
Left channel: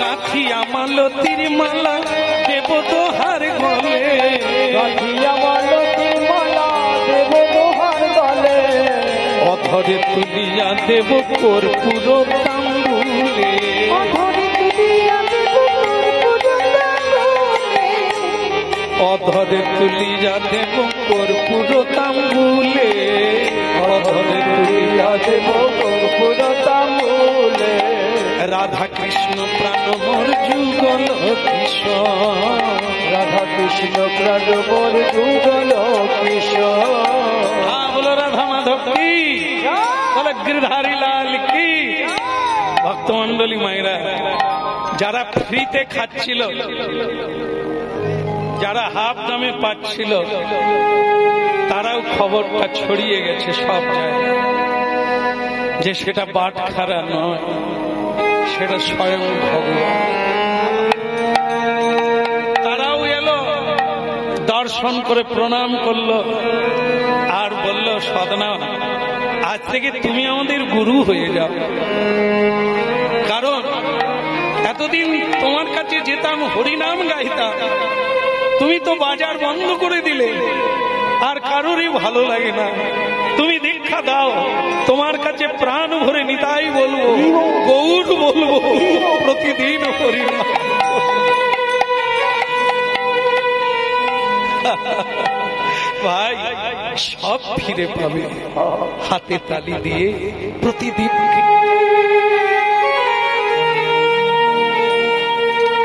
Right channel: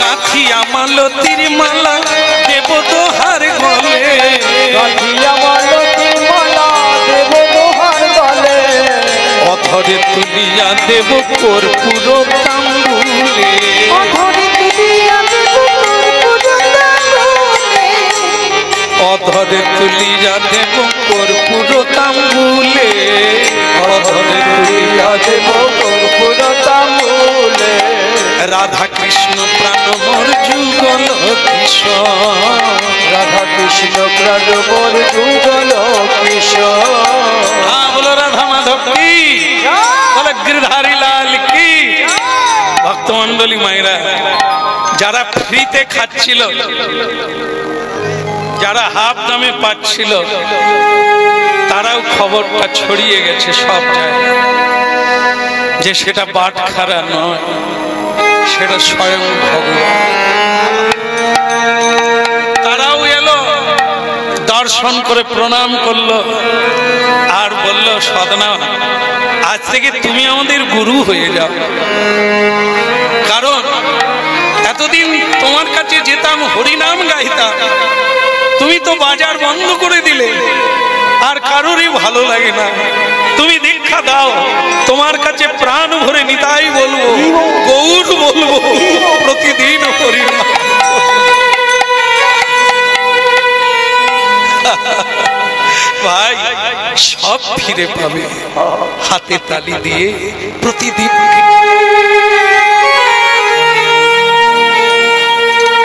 গাঁথিয়া মালতীর মালা দেব দোহার গলে, গাঁথিয়া মালতীর মালা দেব দোহার গলে, অধরে তুলিয়া দেব কর্পূর তাম্বুলে, অধরে তুলিয়া দেব কর্পূর তাম্বুলে, অধরে তুলিয়া দেব কর্পূর তাম্বুলে, রাধা কৃষ্ণ প্রাণমোর যুগল কিশোর, রাধা কৃষ্ণ প্রাণমোর যুগল কিশোর। হ্যাঁ বলো রাধা মাধব কি, বলো গিরধারী লাল কি। ভক্তমন্ডলী মায়েরা, যারা ফ্রিতে খাচ্ছিল, যারা হাফ দামে পাচ্ছিল, তারাও খবরটা ছড়িয়ে গেছে সব জায়গায় যে সেটা বাটখারা নয়, সেটা স্বয়ং ভগবান। তারাও এলো, দর্শন করে প্রণাম করলো আর বলল, সদনা আজ থেকে তুমি আমাদের গুরু হয়ে যাও। কারণ এতদিন তোমার কাছে যেতাম, হরিনাম গাইতাম, তুমি তো বাজার বন্ধ করে দিলে, আর কারোরই ভালো লাগে না। তুমি দীক্ষা দাও, তোমার কাছে প্রাণ ভরে নিতাই বলবো, গৌর বলবো, প্রতিদিন হরিনাম। ভাই সব ফিরে পাবে, হাতে তালি দিয়ে প্রতিদিন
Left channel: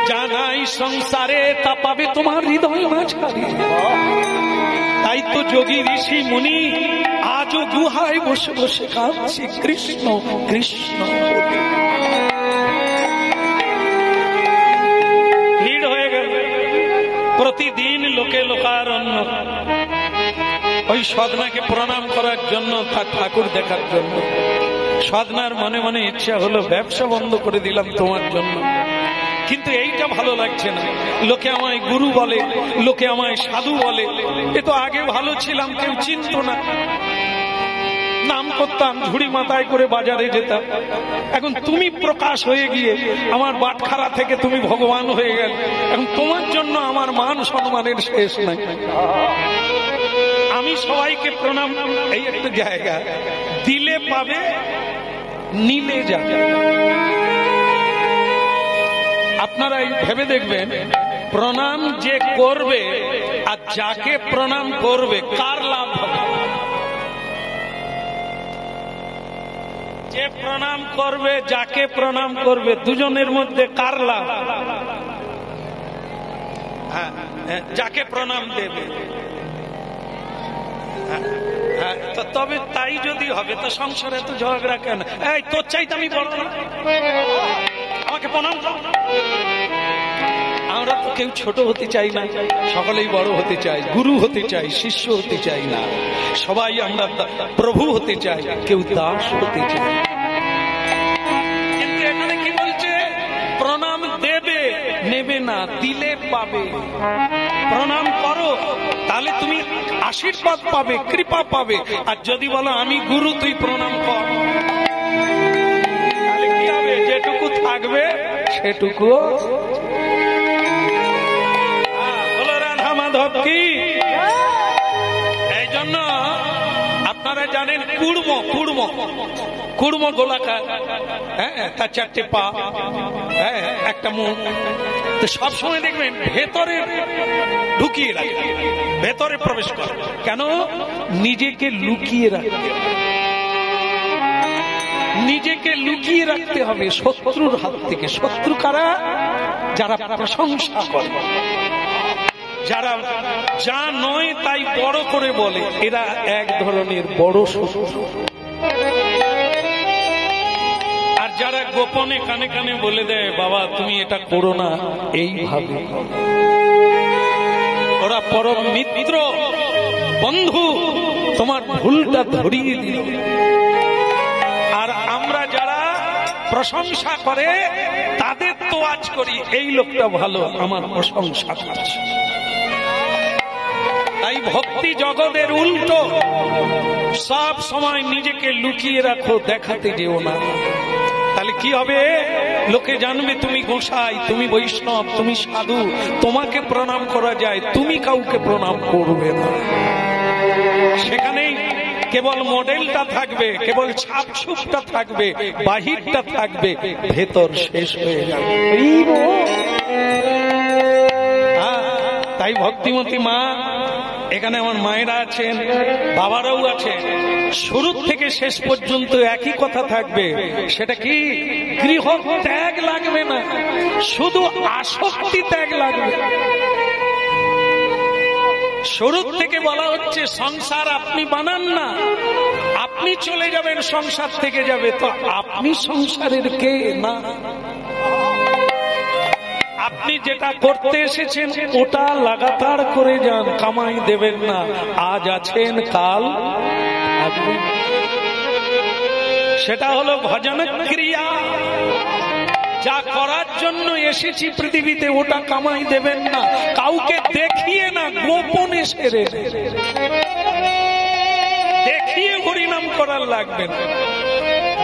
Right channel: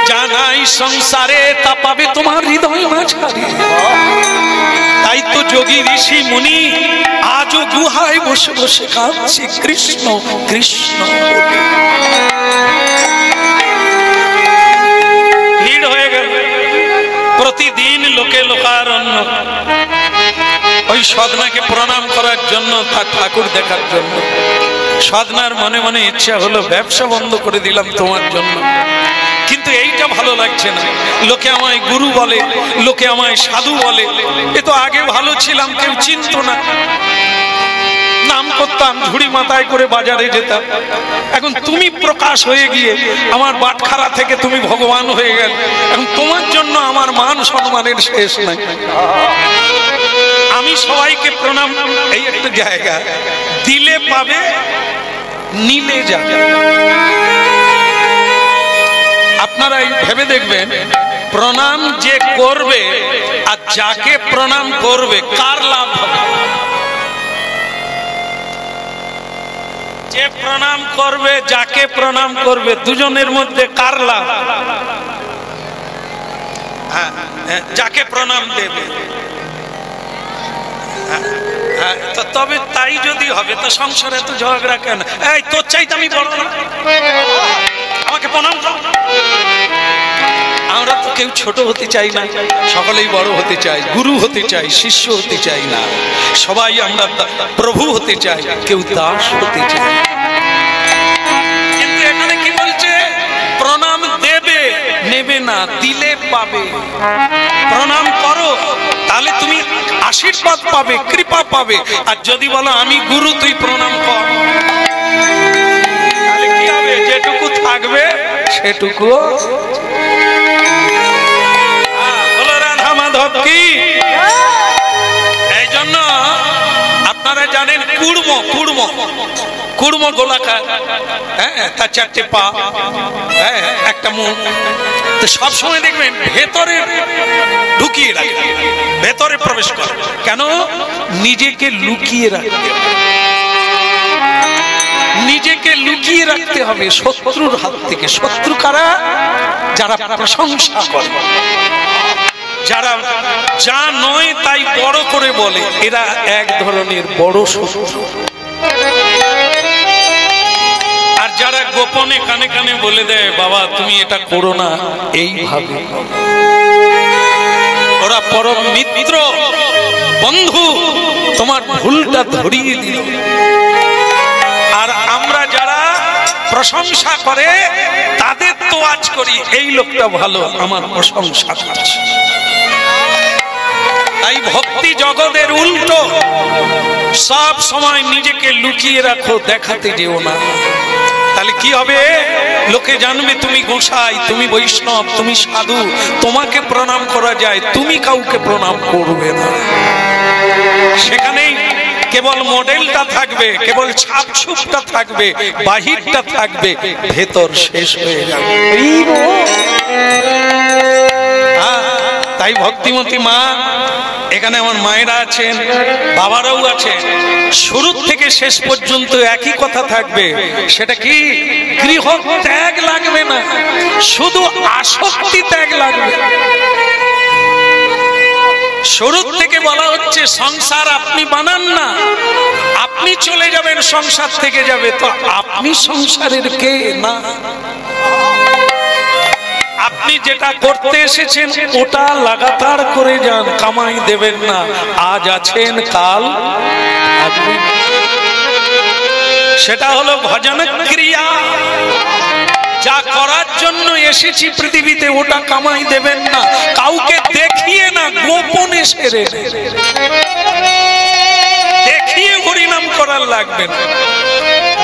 জানাই সংসারে তা পাবে তোমার হৃদয় মাঝারে। তাই তো যোগী ঋষি মুনি আজও গুহায় বসে বসে কাঁদছে কৃষ্ণ কৃষ্ণ বলে। ভিড় হয়ে গেল, প্রতিদিন লোকে লোকারণ্য ওই সদনাকে প্রণাম করার জন্য, তার ঠাকুর দেখার জন্য। সদনার মনে মনে ইচ্ছা হলো, ব্যবসা বন্ধ করে দিলাম তোমার জন্য, কিন্তু এইটা ভালো লাগছে না। লোকে আমায় গুরু বলে, লোকে আমায় সাধু বলে, এ তো আগে ভালো ছিলাম, কেউ চিনতো না। নাম করতাম, ঝুড়ি মাথায় করে বাজারে যেতাম। এখন তুমি প্রকাশ হয়ে গিয়ে আমার বাটখারা থেকে তুমি ভগবান হয়ে গেল। এখন তোমার জন্য আমার মান সম্মানের শেষ নাই। আমি সবাইকে প্রণাম, এই একটা জায়গা, দিলে পাবে, নিলে যাবে। আপনারা ভেবে দেখবেন, প্রণাম যে করবে আর যাকে প্রণাম করবে, কার লাভ হবে? যে প্রণাম করবে, যাকে প্রণাম করবে, দুজনের মধ্যে কার লাভ? যাকে প্রণাম দেবে। তবে তাই যদি হবে, তো সংসারে তো ঝগড়া কেন? এই তোর চাইতে আমি বড় না, আমাকে প্রণাম কর। আমরা তো কেউ ছোট হতে চাই না, সকলেই বড় হতে চাই, গুরু হতে চাই, শিষ্য হতে চাই না। সবাই আমরা প্রভু হতে চাই, কেউ দাস হতে চাই। কিন্তু এখানে কি বলছে? প্রণাম দেবে, নেবে না, দিলে পাবে। প্রণাম করো, তাহলে তুমি আশীর্বাদ পাবে, কৃপা পাবে। আর যদি বলো আমি গুরু, তুই প্রণাম কর, তাহলে কি হবে? যেটুকু থাকবে সেটুকু। বলো রাধা মাধব কি। এই জন্য আপনারা জানেন, কুড়ম কুড়ম কুড়ম গোলাকার, হ্যাঁ, তার চারটে পা, হ্যাঁ, একটা মুখ। তো সবসময় দেখবেন ভেতরে ঢুকিয়ে রাখে, ভেতরে প্রবেশ করে। কেন? নিজেকে লুকিয়ে রাখতে। নিজেকে লুকিয়ে রাখতে হবে শত্রুর হাত থেকে। শত্রু কারা? যারা প্রশংসা করে, যারা যা নয় তাই বড় করে বলে, এরা এক ধরনের বড় শত্রু। আর যারা গোপনে কানে কানে বলে দেয়, বাবা তুমি এটা করো না, এইভাবে, ওরা পরম মিত্র, বন্ধু, তোমার ভুলটা ধরিয়ে দিল। আর আমরা যারা প্রশংসা করে তাদের তোয়াজ করি, এই লোকটা ভালো, আমার প্রশংসা করছে। তাই ভক্তি জগতের উল্টো, সব সময় নিজেকে লুকিয়ে রাখো, দেখাতে যেও না। তাহলে কি হবে? লোকে জানবে তুমি গোসাই, তুমি বৈষ্ণব, তুমি সাধু, তোমাকে প্রণাম করা যায়, তুমি কাউকে প্রণাম করবে না। সেখানেই কেবল মডেলটা থাকবে, কেবল ছাপছুপটা থাকবে, বাহিরটা থাকবে, ভেতর শেষ হয়ে যাবে। তাই ভক্তিমতী মা, এখানে আমার মায়েরা আছেন, বাবারাও আছেন, শুরু থেকে শেষ পর্যন্ত একই কথা থাকবে। সেটা কি? গৃহ ত্যাগ লাগবে না, শুধু আসক্তি ত্যাগ লাগবে। শুরু থেকে বলা হচ্ছে সংসার আপনি বানান না, আপনি চলে যাবেন, সংসার থেকে যাবে, তো আপনি সংসারের কে না। আপনি যেটা করতে এসেছেন ওটা লাগাতার করে যান, কামাই দেবেন না। আজ আছেন, কাল থাকবেন। সেটা হলো ভজন ক্রিয়া। যা করার জন্য এসেছি পৃথিবীতে ওটা কামাই দেবেন না, কাউকে দেখিয়ে না, গোপনে সেরে দেখিয়ে হরিনাম করার লাগবে না।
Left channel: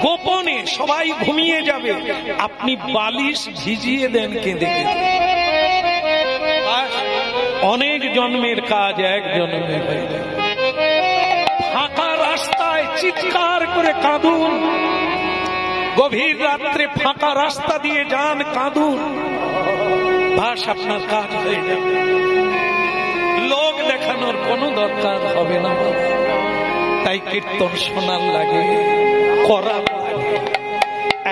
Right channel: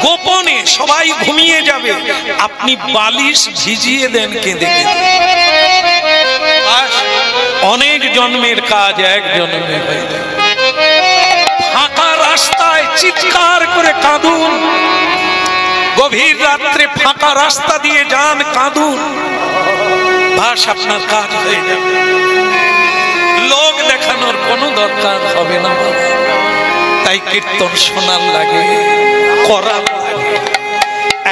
গোপনে সবাই ঘুমিয়ে যাবে, আপনি বালিশ ভিজিয়ে দেন কেঁদে কেঁদে। অনেক জন্মের কাজ এক জন্মে হয়ে যায়। ফাঁকা রাস্তায় চিৎকার করে কাঁদুন, গভীর রাত্রে ফাঁকা রাস্তা দিয়ে যান, কাঁদুন, বাস আপনার কাজ হয়ে যাবে। লোক দেখানোর কোনো দরকার হবে না। তাই কীর্তন শোনার লাগে, করার লাগে।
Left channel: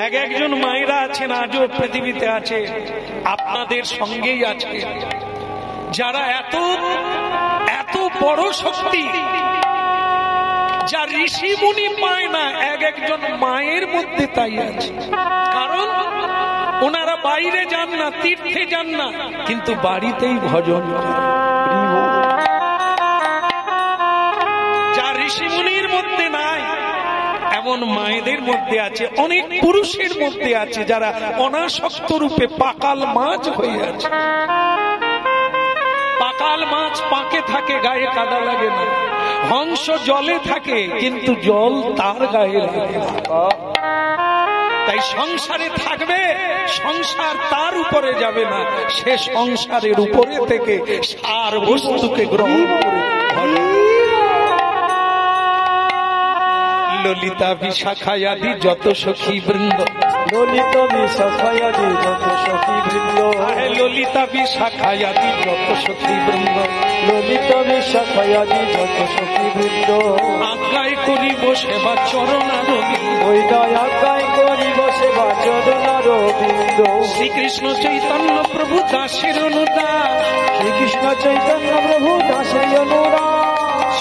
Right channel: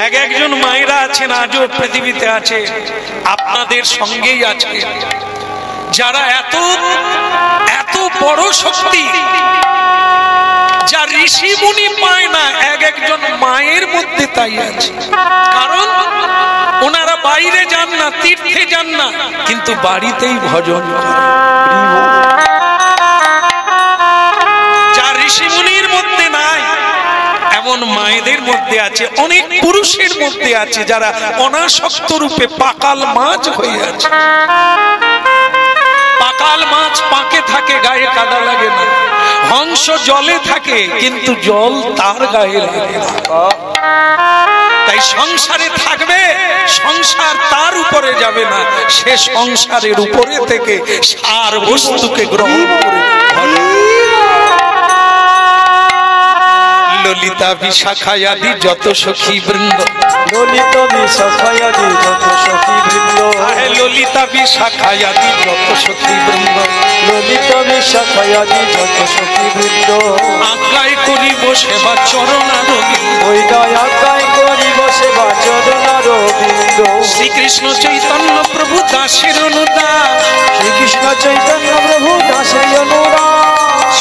এক একজন মায়েরা আছেন, আজও পৃথিবীতে আছে, আপনাদের সঙ্গেই আছে, যারা এত এত বড় শক্তি যা ঋষি মুনি পায় না, এক একজন মায়ের মধ্যে তাই আছে। কারণ ওনারা বাইরে যান না, তীর্থে যান না, কিন্তু বাড়িতেই ভজন করে। যা ঋষি মুনির মধ্যে নাই, এমন মায়েদের মধ্যে আছে, অনেক পুরুষের মধ্যে আছে, যারা অনাসক্ত রূপে পাকাল মাছ হয়ে আছে। পাকাল মাছ পাকে থাকে, গায়ে কাদা লাগে না। হংস জলে থাকে, কিন্তু জল তার গায়ে লাগে না। তাই সংসারে থাকবে, সংসার তার উপরে যাবে না, সে সংসারের উপরে থেকে সার বস্তুকে গ্রহণ করে। ললিতা বিশাখায়াদি যত সখী বৃন্দ, ললিতা বিশাখায়াদি যত সখী বৃন্দ, ললিতা বিশাখায়াদি যত সখী বৃন্দ, ললিতা বিশাখায়াদি যত সখী বৃন্দ, আজ্ঞায় করিব সেবা চরণারবিন্দ, ওই আজ্ঞায় করিব সেবা চরণারবিন্দ। শ্রীকৃষ্ণ চৈতন্য প্রভু দাসের অনুদান, শ্রীকৃষ্ণ চৈতন্য প্রভু দাসের অনুদান,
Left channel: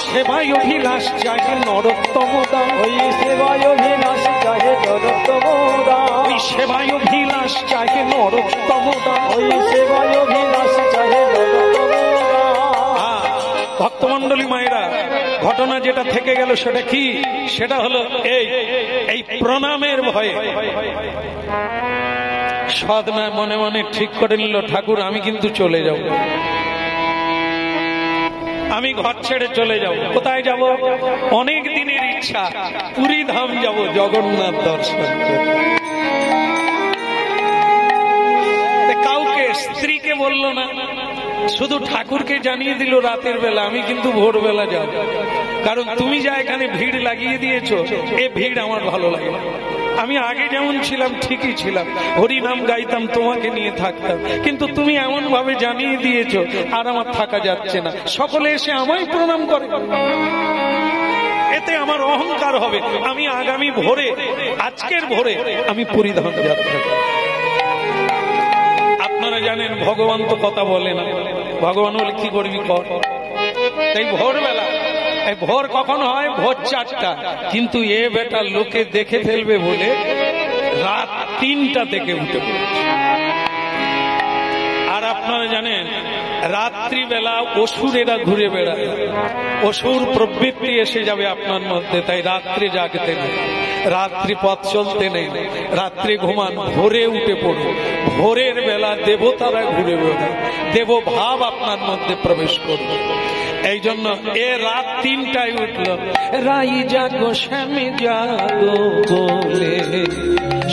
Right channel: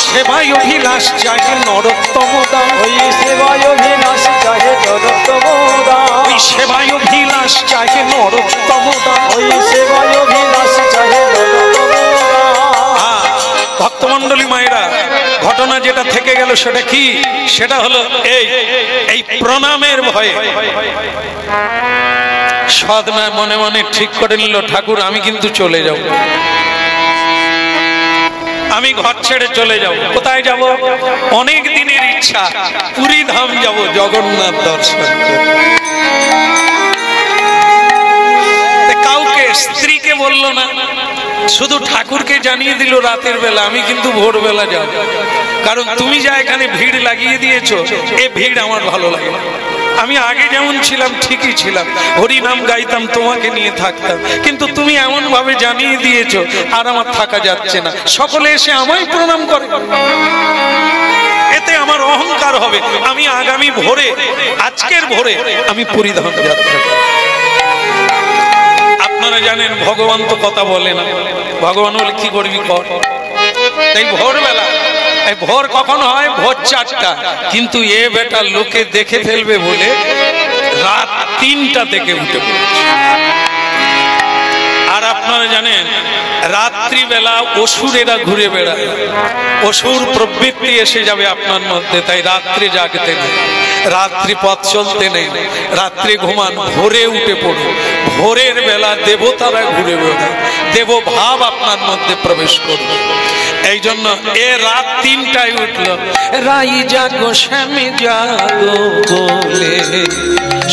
সেবায় অভিলাষ চাহে নরোত্তম দান, ওই সেবায় অভিলাষ চাহে নরোত্তম দান, ওই সেবায় অভিলাষ চাহে নরোত্তম দান, ওই সেবায় অভিলাষ চাহে নরোত্তম দান। ভক্তমণ্ডলী মায়েরা, ঘটনা যেটা থেকে গেল সেটা কি? সেটা হলো এই প্রণামের ভয়ে সদনা মনে মনে ঠিক করে নিল, ঠাকুর আমি কিন্তু চলে যাব, আমি ঘর ছেড়ে চলে যাব। কোথায় যাব? অনেক দিনের ইচ্ছা, পুরী ধাম যাব, জগন্নাথ দর্শন করব। কাউকে, স্ত্রীকে বলল না, শুধু ঠাকুরকে জানিয়ে দিল রাতের বেলা, আমি কিন্তু ভোরবেলা যাব। কারণ তুমি যা এখানে ভিড় লাগিয়ে দিয়েছো, এই ভিড় আমার ভালো লাগে না। আমি আগে যেমন ছিলাম ঠিকই ছিলাম, হরি নাম গাইতাম, তোমাকে নিয়ে থাকতাম, কিন্তু তুমি এমন ভাবে জানিয়ে দিয়েছো আর আমার থাকা যাচ্ছে না। সকলে এসে আমায় প্রণাম করে, এতে আমার অহংকার হবে, আমি আগামী ভোরে, আজকের ভোরে আমি পুরীধাম যাত্রা করব। আপনারা জানেন ভগবান তো কথা বলে না, ভগবান বলে কি করবি কর। তাই ভোরবেলা, এই ভোর কখন হয়? ভোর 4টা, কিন্তু এ বেটা লোকে দেখে ফেলবে বলে রাত 3টা থেকে উঠে পড়েছে। আর আপনারা জানেন রাত্রিবেলা অসুরেরা ঘুরে বেড়ায়, অসুর প্রবৃত্তি এসে যাবে আপনার মধ্যে, তাই রাত্রে জাগতে নেই, রাত্রি পথ চলতে নেই, রাত্রে ঘুমান, ভোরে উঠে পড়ুন। ভোরের বেলা দেবতারা ঘুরে বেড়ায়, দেব ভাব আপনার মধ্যে প্রবেশ করবে। এই জন্য এ রাত 3টায় উঠলো, রাই জাগো শ্যামে জাগো বলে,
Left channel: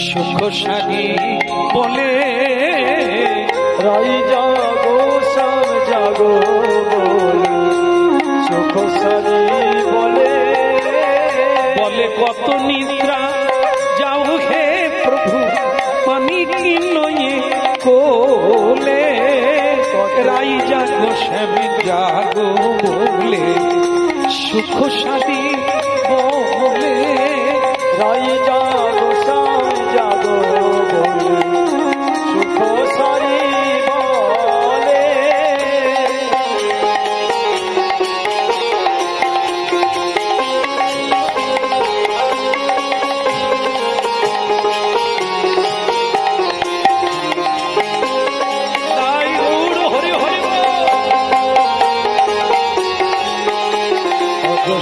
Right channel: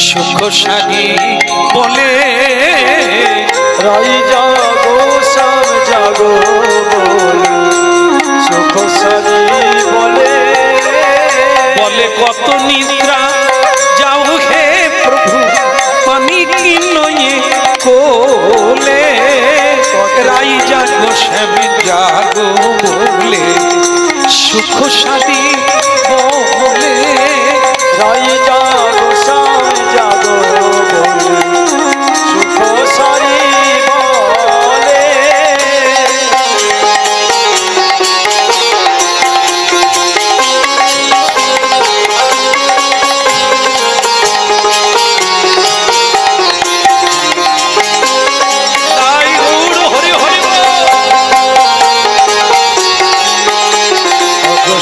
সুখ সাগি বলে, রাই জাগো শ্যাম জাগো বলে, সুখ সারি বলে, বলে কত নিদ্রা যাও হে প্রভু পানি কি নয়ে কোলে, রাই জাগো শ্যামে জাগো বলে, সুখ সাদি বলে, রাই জাগো শ্যাম জাগো বলে, সুখ সারি বলে। তাই গৌর হরি হরি বল।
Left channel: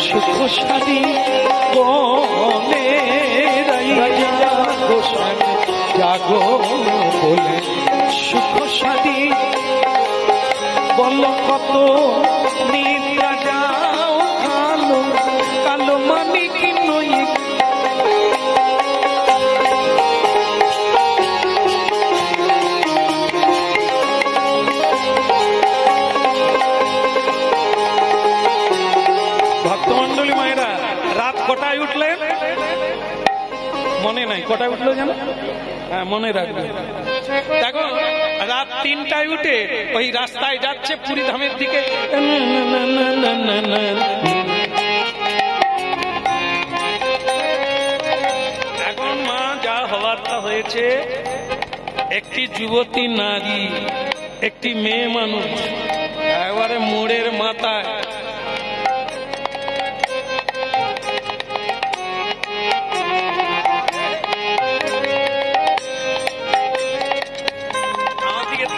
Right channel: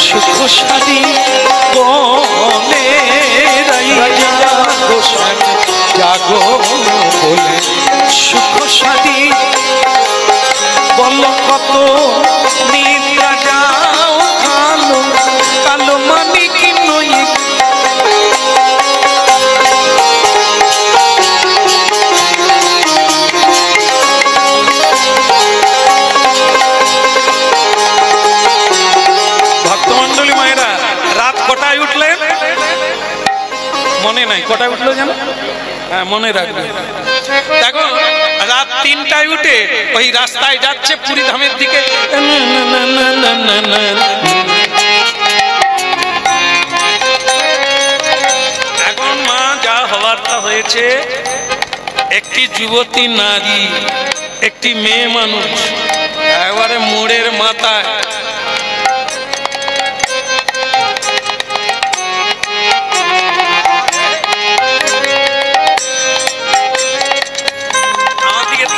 সুখ সাদি বলে, রাই জাগো শ্যামে জাগো বলে, সুখ সাদি বল, কত নিদ্রা যাও কালো কালো মানি কি নই। ভক্তমন্ডলী মায়েরা, রাত কটায় উঠলেন? মনে নাই কটায় উঠলো যেন? হ্যাঁ, মনে রাখবেন। দেখো রাত 3টায় উঠে ওই রাস্তায় যাচ্ছে পুরীধামের দিকে, এখন মা যা হওয়ার তা হয়েছে। একটি যুবতী নারী, একটি মেয়ে মানুষ একেবারে মোড়ের মাথায়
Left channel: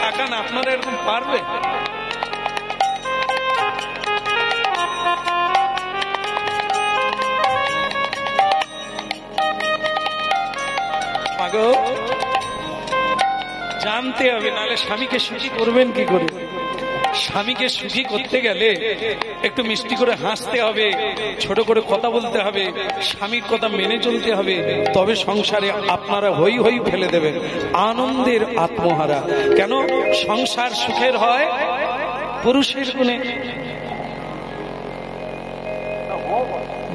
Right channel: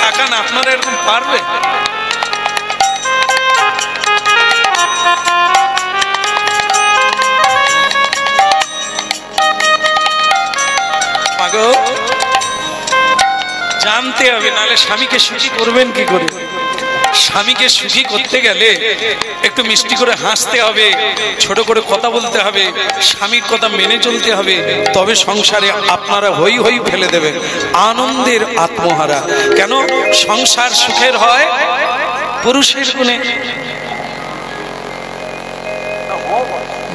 তাকান, আপনারা এরকম পারবে? জানতে হবে, নাহলে স্বামীকে সুখী করবেন কি করে? স্বামীকে সুখী করতে গেলে একটু মিষ্টি করে হাসতে হবে, ছোট করে কথা বলতে হবে, স্বামীর কথা মেনে চলতে হবে, তবে সংসারে আপনারা হই হই ফেলে দেবেন, আনন্দের আত্মহারা। কেন? সংসার সুখের হয় পুরুষের গুণে।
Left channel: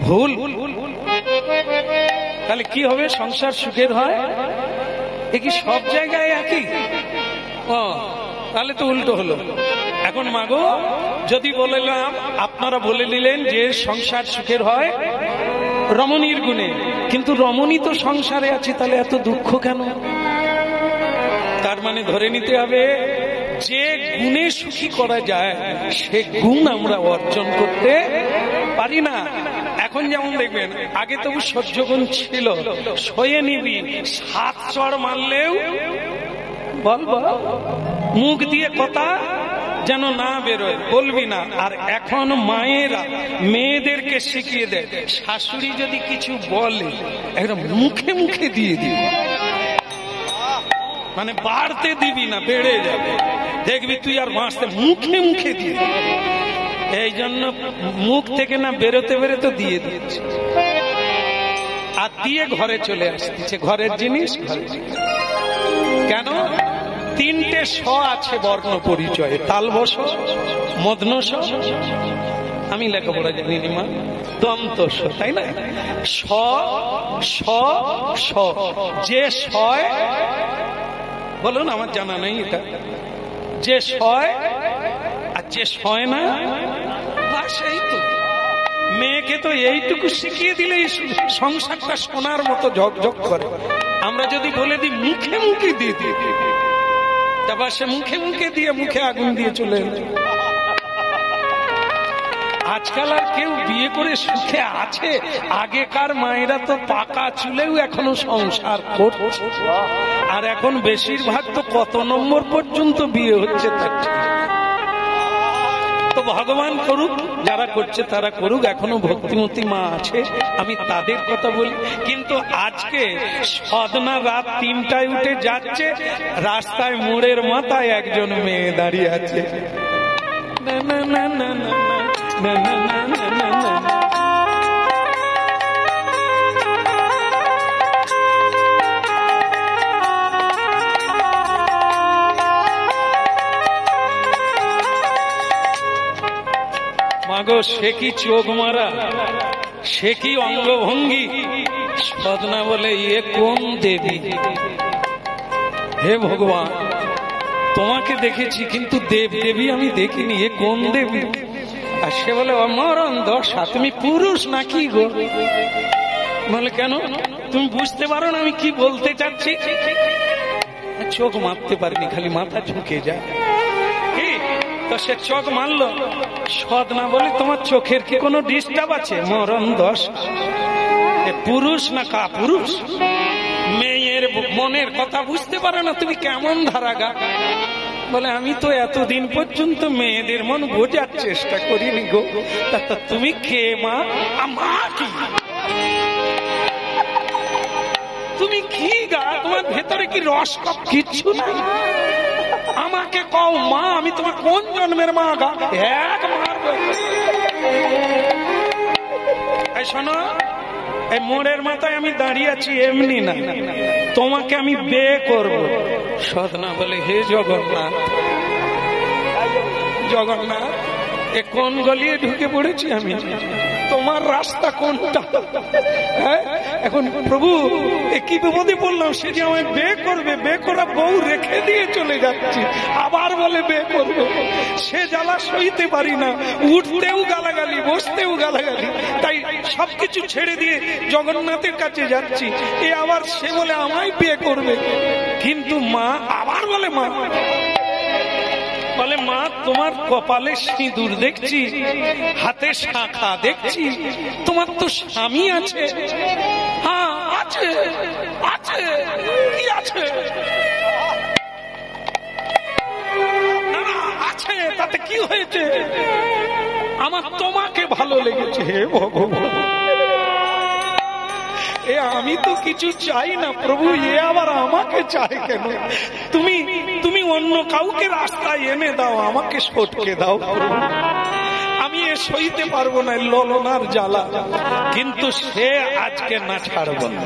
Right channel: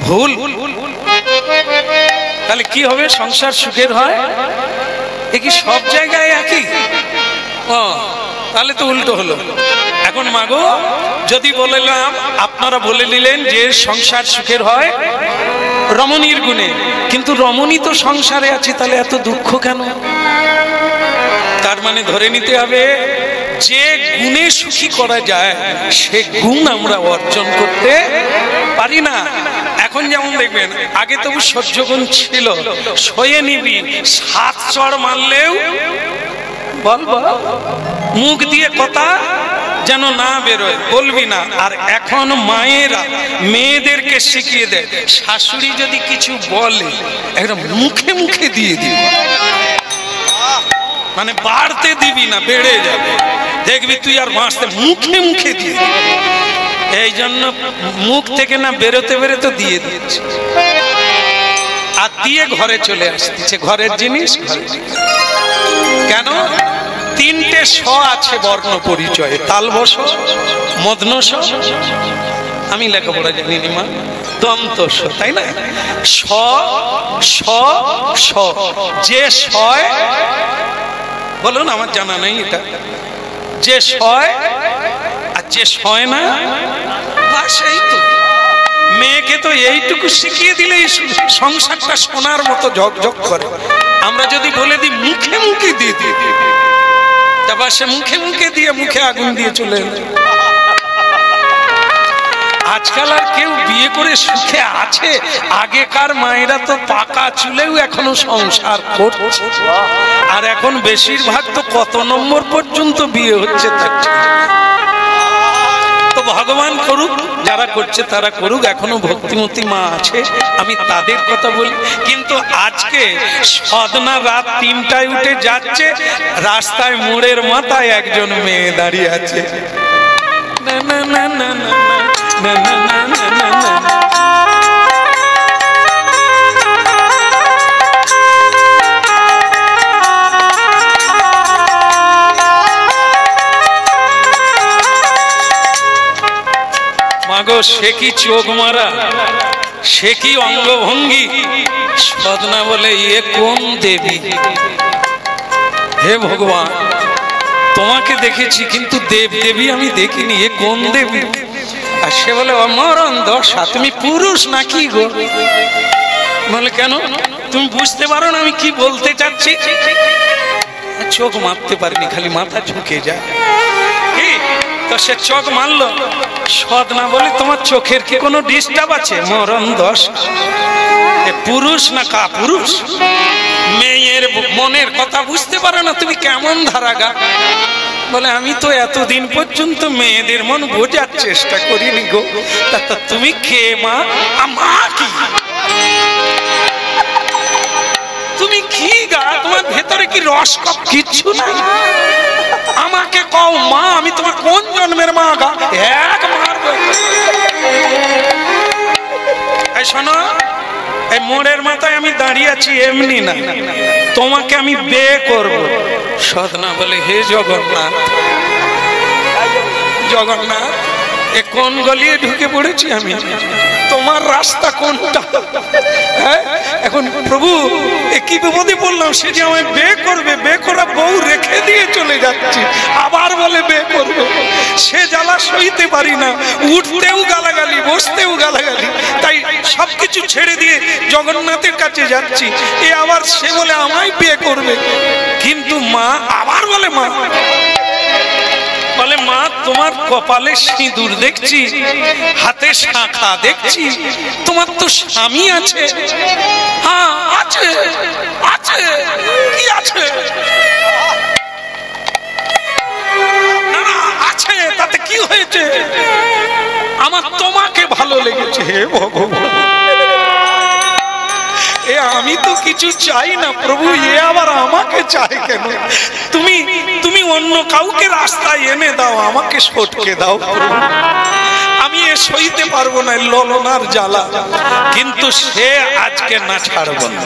ভুল? তাহলে কি হবে? সংসার সুখের হয় এ কি সব জায়গায় একই? তাহলে তো উল্টো হলো। এখন মাগো, যদি বললাম, আপনারা বলে নিলেন যে সংসার সুখের হয় রমণীর গুণে, কিন্তু রমণী তো সংসারে আছে, তাহলে এত দুঃখ কেন? তার মানে ধরে নিতে হবে যে গুণে সুখী করা যায় সে গুণ আমরা অর্জন করতে পারি না। এখন যেমন দেখবেন, আগে তবু সহ্য গুণ ছিল, সয়ে নিবি, 7 চড় মারলেও বলবো, মুখ দিয়ে কথা যেন না বেরোয়, বলবি না। আর এখন মায়েরা মেয়েদেরকে শিখিয়ে দেয়, শাশুড়ি যদি কিছু বলে একটা মুখে মুখে দিয়ে দিবি, মানে বাড়তে দিবি না, বেড়ে যাবে, দেখবি তুই আর বাঁচতে, মুখে মুখে দিয়ে দিবি। এই জন্য মুখ থেকে না বেরোতে বেরোতে দিয়ে দিচ্ছে, আর দিয়ে ঘরে চলে আসতেছে, ঘরের জিনিস ঘরে। কেন? 3টে স আছে বর্ণ পরিচয়ে, তালবস, মধ্নস, আমি লেখাপড়া জানি নি মা, দন্ত স, তাই না? স স স, যে সয়, বলুন, আমার জানা নেই এটা, যে সয় আর যে সয় না, সেই তো মেয়েকে তো এইটুকু শিখিয়ে দিলেই সংসারটা সোনার মতো ঝকঝক করে। আমরা যদি বলে দিই মুখে মুখে দিয়ে দিই, তারপর সে মুখে মুখে দিয়ে মুখে আগুন দিয়ে চলে এলো। আজকাল আর কেউ বিয়ে করে সুখে আছে? আগেকার মায়েরা তো পাকা চুলেও এখনো সংসার করছে, আর এখন বেশিরভাগ তো কত নম্বর পর্যন্ত বিয়ে হচ্ছে তার ঠিক। তো ভগবান করুক, যারা করছে তারা করুক, এখনো ভক্তিমতী মা আছে, আমি তাদের কথা বলি। কিন্তু আজকে সদনা রাত 3টায় উঠে যাচ্ছে, রাস্তায় মোড়ের মাথায় একজন মেয়ে দাঁড়িয়ে আছে, না না না না না না না না না না না। মাগো সে কি চোখ মারা, সে কি অঙ্গভঙ্গি। সদনা বলে এ কোন দেবী? হে ভগবান, তোমাকে দেখেছি কিন্তু দেব দেবী আমি দেখিনি, এ কোন দেবী? আর সে বলে অমরণ দশা, তুমি পুরুষ নাকি গো? বলে কেন, তুমি বুঝতে পারো না আমি কি বলতে চাচ্ছি? চোখ মারতে পারিনি, খালি মাথা ঝুঁকে যায়। কি তো সে চোখ মারলো। সদনা বলে তোমার চোখের কি কোনো ডিস্টার্ব আছে? মরণ দশা, এ পুরুষ না কা পুরুষ? মেয়ের মনের কথা বুঝতে পারো না, তুমি কেমন ধারাগা? বলে আমি তো এতদিন পর্যন্ত মেয়েদের মন বোঝার চেষ্টা করিনি গো। তা তুমি কে মা? মা কি তুমি কি গা? তোমার ভেতরে কি রস কপ কিচ্ছু নাই? আমাকে কও মা, আমি তোমার কোন জন্মের মা গা? এক মারবো। এই শোনো, এই মোড়ের মাথায় আমি দাঁড়িয়ে আছি এমনি না, তোমাকে আমি বিয়ে করব। সদনা বলে হে জগন্নাথ, জগন্নাথ এ কোন গলিয়ে ঢুকে পড়েছি আমি? তোমার রাস্তা কোনটা? এখন প্রভু এ কি বিপদে পড়লাম, সে যে আমায় বিয়ে করবে, বিয়ে করা বউ রেখে দিয়ে চলে যাচ্ছি, আবার বলে বিয়ে করবে। সে জ্বালা সইতে পারি না, উঠতেও গালাগালি, বসতেও গালাগালি, তাই সবকিছু ছেড়ে দিয়ে জগন্নাথের কাছে যাচ্ছি। এ আবার সে বলে আমায় বিয়ে করবে, কিন্তু মা আবার বলে মা, বলে মা তোমার কপালে সিঁদুর দেখছি, হাতে শাখা দেখছি, তোমার তো স্বামী আছে। হ্যাঁ আছে, আছে, কি আছে? না না আছে, তাতে কি হয়েছে? আমার তোমাকে ভালো লেগেছে। হে ভগবান, এ আমি তো কিছু চাই না প্রভু, এ আবার আমাকে চাই কেন? তুমি তুমি অন্য কাউকে রাস্তায় এনে দাও, আমাকে সটকে দাও প্রভু। আমি এ সইতে পারবো না ললনার জ্বালা, কিন্তু সে আজকে না ছাড়ব না।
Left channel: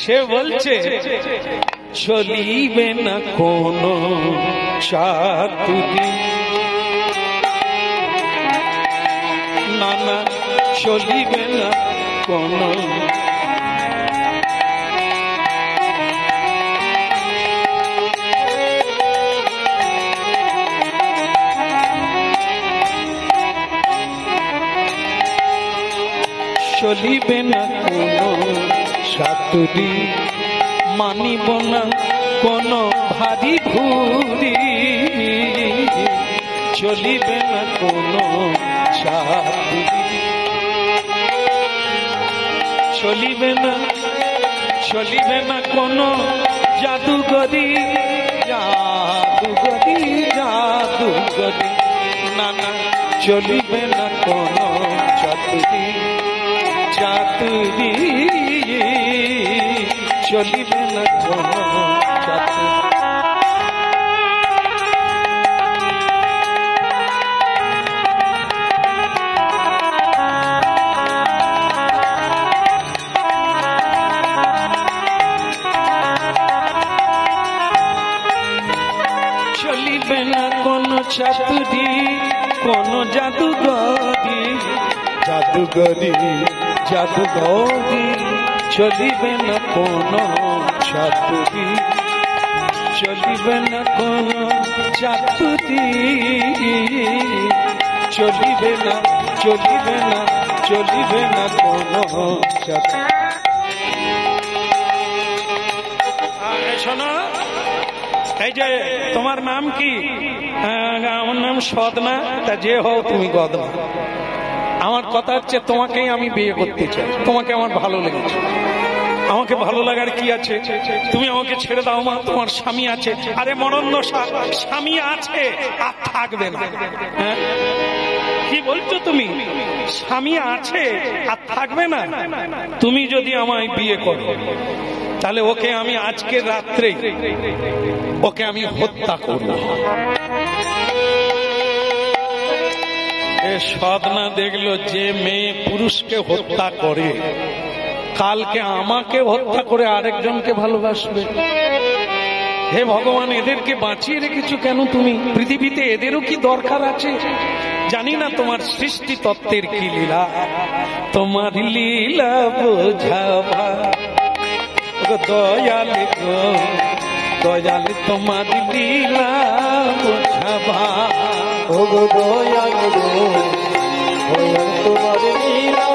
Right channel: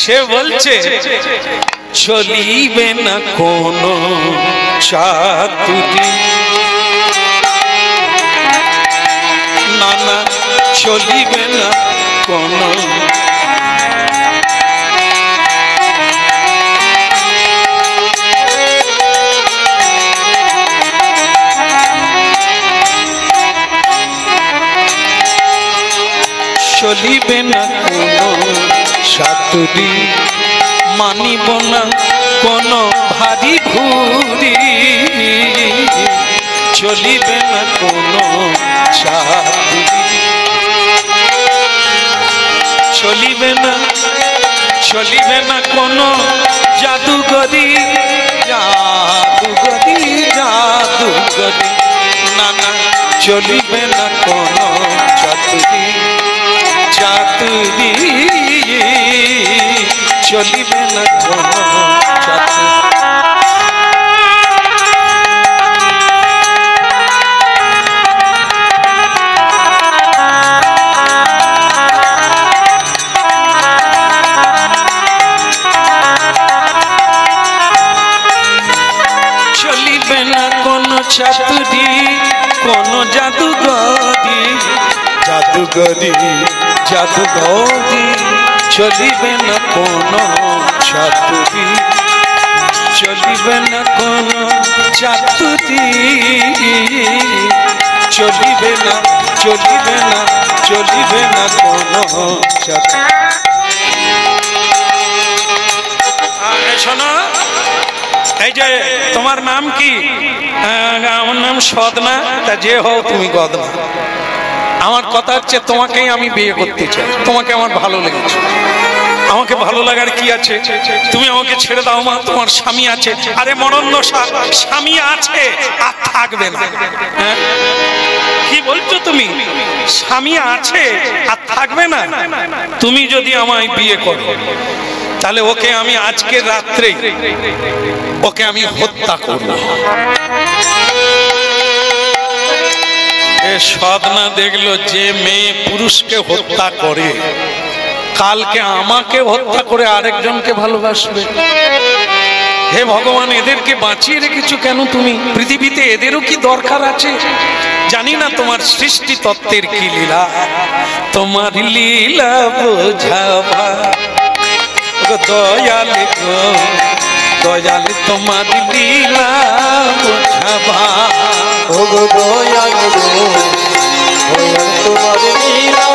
সে বলছে চলিবে না কোনো চাতুরি, না না চলিবে না কোনো, চলিবে না কোনো সাতুরি, মানিব না কোনো ভারী ভুরি, চলিবে না কোনো সাতুরি, চলিবে না, চলিবে না কোনো জাদুগরি, জাদুগরি, জাদুগরি, না না চলিবে না কোনো চাতুরি, চাতুরি, চলিবে না কোনো চাতুরি। চলিবে না কোনো চাতুরি, কোনো জাদুগরি, জাদুগরি, জাদুগরি, চলিবে না কোনো চাতুরি, চলিবে না কোনো চাতুরি, চলিবে না চলিবে না চলিবে না কোনো যাত্রা। শোনো, এই যে তোমার নাম কি? আমার নাম সদনা। তা যে হও তুমি গদনা। আমার কথা হচ্ছে তোমাকেই আমি বিয়ে করতে চাই। তোমাকে আমার ভালো লেগেছে। আমাকে ভালো লাগার কি আছে? তুমি আমাকে ছেড়ে দাও মা, তোমার স্বামী আছে। আরে মরণদশা, স্বামী আছে আর থাকবে না। হ্যাঁ কি বলছো তুমি? স্বামী আছে আর থাকবে না? তুমি যদি আমায় বিয়ে করো তাহলে ওকে আমি আজকে রাত্রে ওকে আমি হত্যা করব। সদনা দেখলো যে মেয়ে পুরুষকে হত্যা করে কালকে আমাকে হত্যা করে আরেকজনকে ভালোবাসবে। হে ভগবান, এদেরকে বাঁচিয়ে রেখেছো কেন তুমি? পৃথিবীতে এদেরও কি দরকার আছে? জানি না তোমার সৃষ্টি তত্ত্বের কি লীলা, তোমার লীলা বোঝাবা দয়াল গো দয়াল, তোমার লীলা বোঝাবা ও গো দয়াল গো দয়াল, তোমার লীলা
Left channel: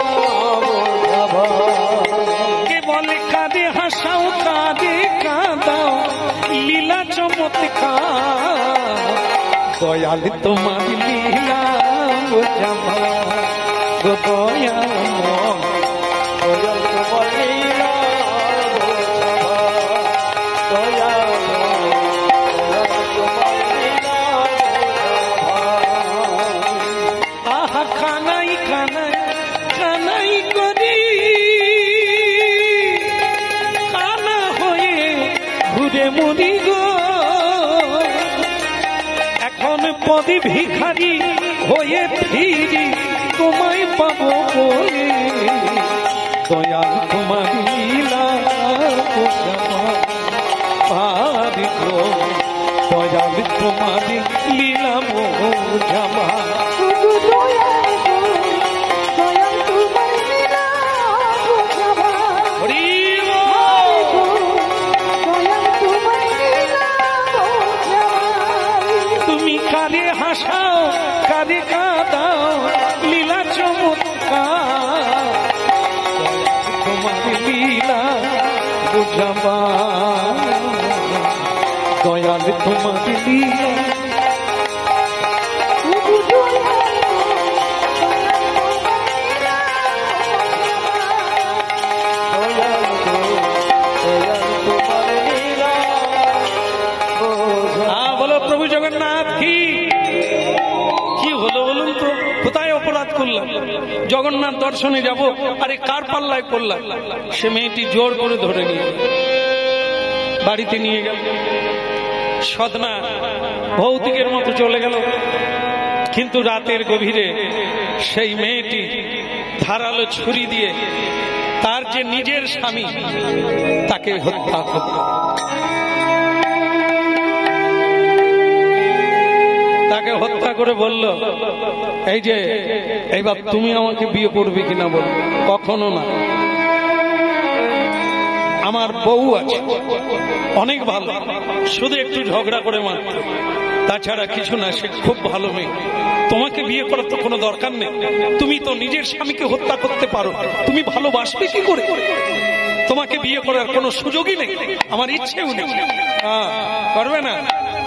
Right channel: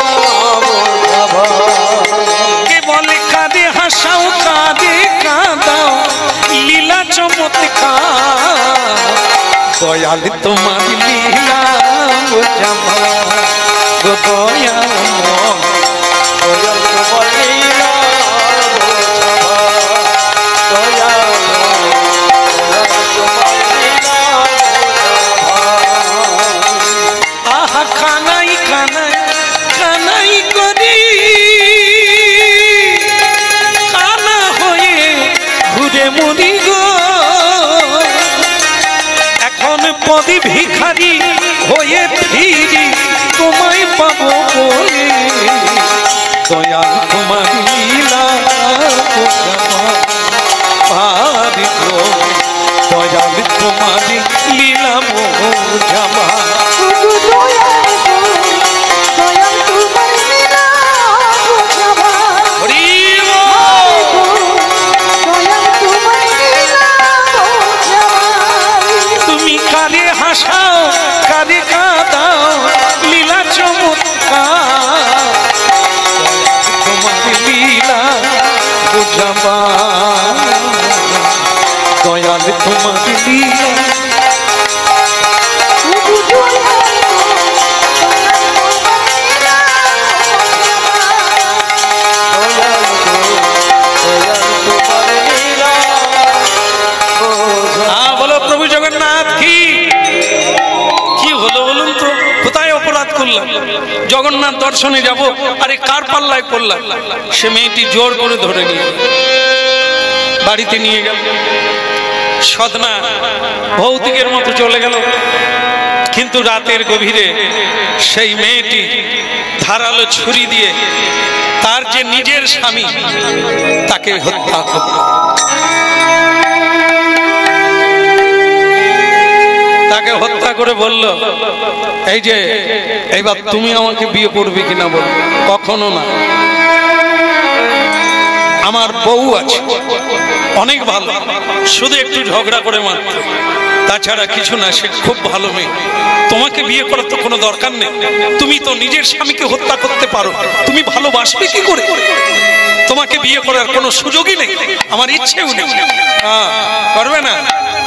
বোঝাবা। কে বলে কাঁদে হাসাও কাঁদে কাঁদাও লীলা চমৎকার, দয়াল তোমার লীলা বোঝাবা গো দয়াল দয়াল তোমার লীলা বোঝাবা, দয়াল দয়াল তোমার লীলা বোঝাবা। আহা কানাই কানাই কানাই করি কানা হয়ে ঘুরে মরি গো, এখন পদে ভিখারি হয়ে ফিরি তোমায় পাবো বলে, দয়াল তোমার লীলা বোঝাবা পারি গো, দয়াল তোমার লীলা বোঝাবা। ওগো দয়াল গো দয়াল তোমার লীলা বোঝাবা। হরি গো দয়াল তোমার লীলা বোঝাবা। তুমি কারে হাসাও কারে কাঁদাও লীলা চমৎকার, তোমার লীলা বুঝাবা দয়াল তোমার লীলা। ওগো দয়াল গো দয়াল তোমার লীলা বোঝাবা। দয়াল গো দয়াল তোমার লীলা বোঝাবা। হ্যাঁ বলো প্রভু জগন্নাথ কি কি হলো বলুন তো? কোথায় অপরাধ করলাম? জগন্নাথ দর্শনে যাব, আরে কার পাল্লায় পড়লাম? সে মেয়েটি জোর করে ধরে নিয়ে বাড়িতে নিয়ে গেল। সদনা ভৌতিকের মতো চলে গেল, কিন্তু রাতের গভীরে সেই মেয়েটি ধারালো ছুরি দিয়ে তার যে নিজের স্বামী তাকে হত্যা করল। তাকে হত্যা করে বলল, এই যে এইবার তুমি আমাকে বিয়ে করবে কিনা বল। কখনো না, আমার বউ আছে অনেক ভালো, শুধু একটু ঝগড়া করে মাত্র, তাছাড়া কিছু না, সে খুব ভালো মেয়ে। তোমাকে বিয়ে করার তো কোনো দরকার নেই, তুমি তো নিজের স্বামীকে হত্যা করতে পারো, তুমি ভালোবাসবে কি করে? তোমাকে বিয়ে করার কোনো সুযোগই নেই, আমার ইচ্ছেও নেই। হ্যাঁ করবে না?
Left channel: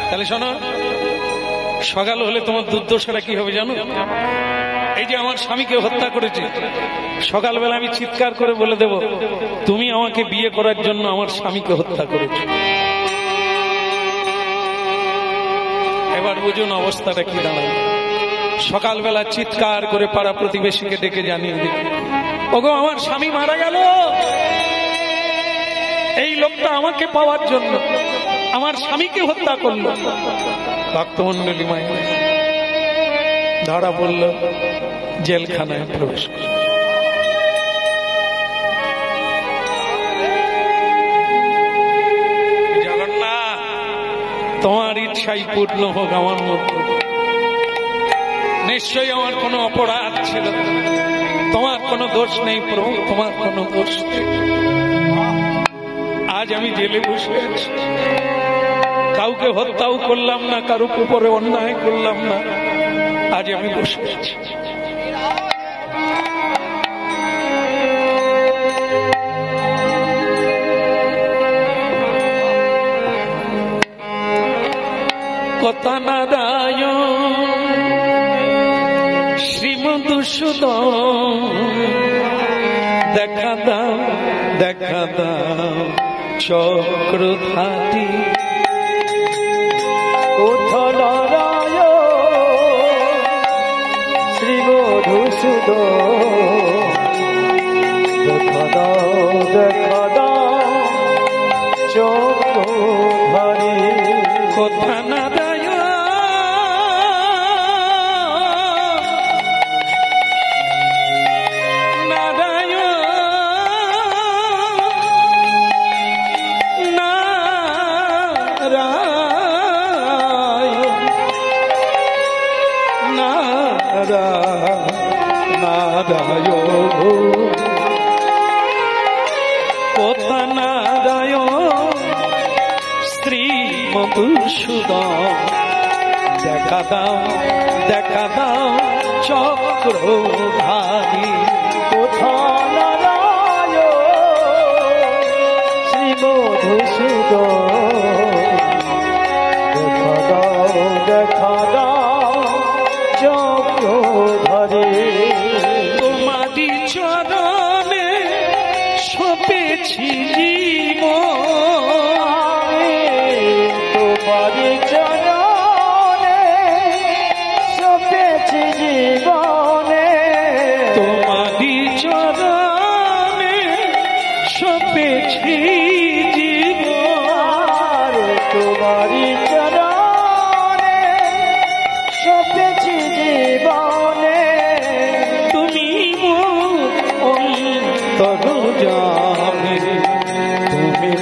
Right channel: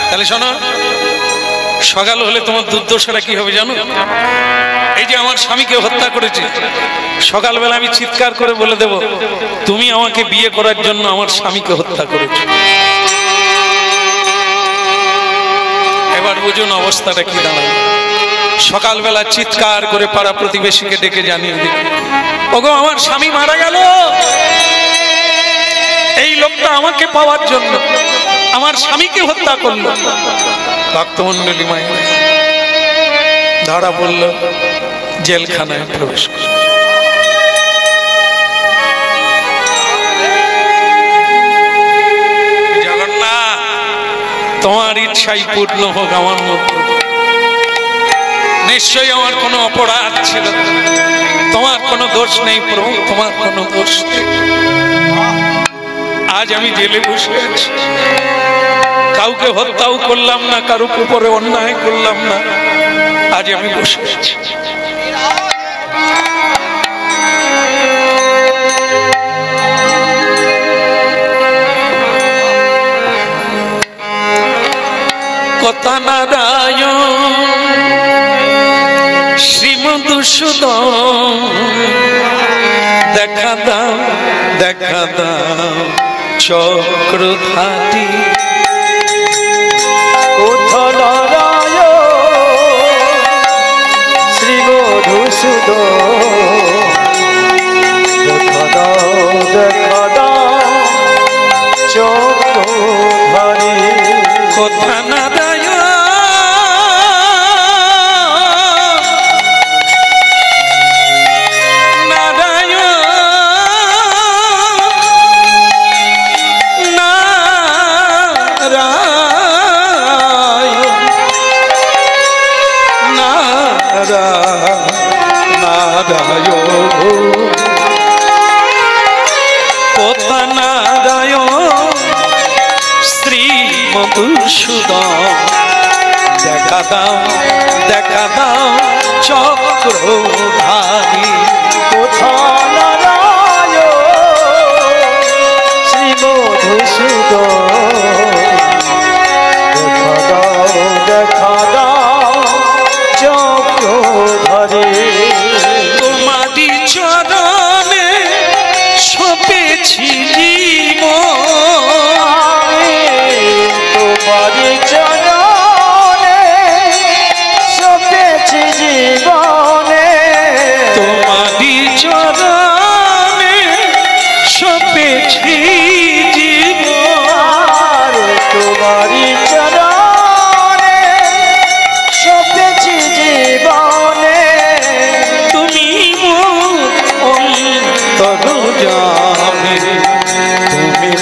তাহলে শোনো, সকাল হলে তোমার দুর্দশাটা কি হবে জানো? এই যে আমার স্বামীকে হত্যা করেছে, সকালবেলা আমি চিৎকার করে বলে দেব, তুমি আমাকে বিয়ে করার জন্য আমার স্বামীকে হত্যা করেছো। এবার বুঝুন অবস্থাটা কি দাঁড়ায়। সকালবেলা চিৎকার করে পাড়া প্রতিবেশীকে ডেকে জানিয়ে দিল, ওগো আমার স্বামী মারা গেল, এই লোকটা আমাকে পাওয়ার জন্য আমার স্বামীকে হত্যা করলো। ভক্তমন্ডলী মায়ের ধরা পড়ল, জেলখানায় প্রবেশ করল। জগন্নাথ তোমার ইচ্ছাই পূর্ণ হোক আমার মধ্যে, নিশ্চয়ই আমার কোনো অপরাধ ছিল, তোমার কোনো দোষ নেই প্রভু, তোমার কোনো দোষ নেই। আজ আমি জেলে বসে আছি, কাউকে হত্যাও করলাম না, কারো উপরে অন্যায় করলাম না, আজ আমি বসে আছি। কথা নারায়ণ শ্রীমধুসূদন দেখা দাও দেখা দাও চক্রধারী কোথা নারায়ণ শ্রী মধুসূদন দেখা দাও চক্রধারী কথা নারায়ণ কথা নারায়ণ শ্রী মধুসূদন দেখা দাও চক্রধারী কোথা নারায়ণ শ্রী মধুসূদন দেখা দাও চক্রধারী তোমারি চরণে সপেছি জীবন তোমারি চরণে সপেছি জীবনে তোমারি চরণে সপেছি জীবন তোমারি চরণে সপেছি জীবনে তুমি অন্তর্যামী তুমি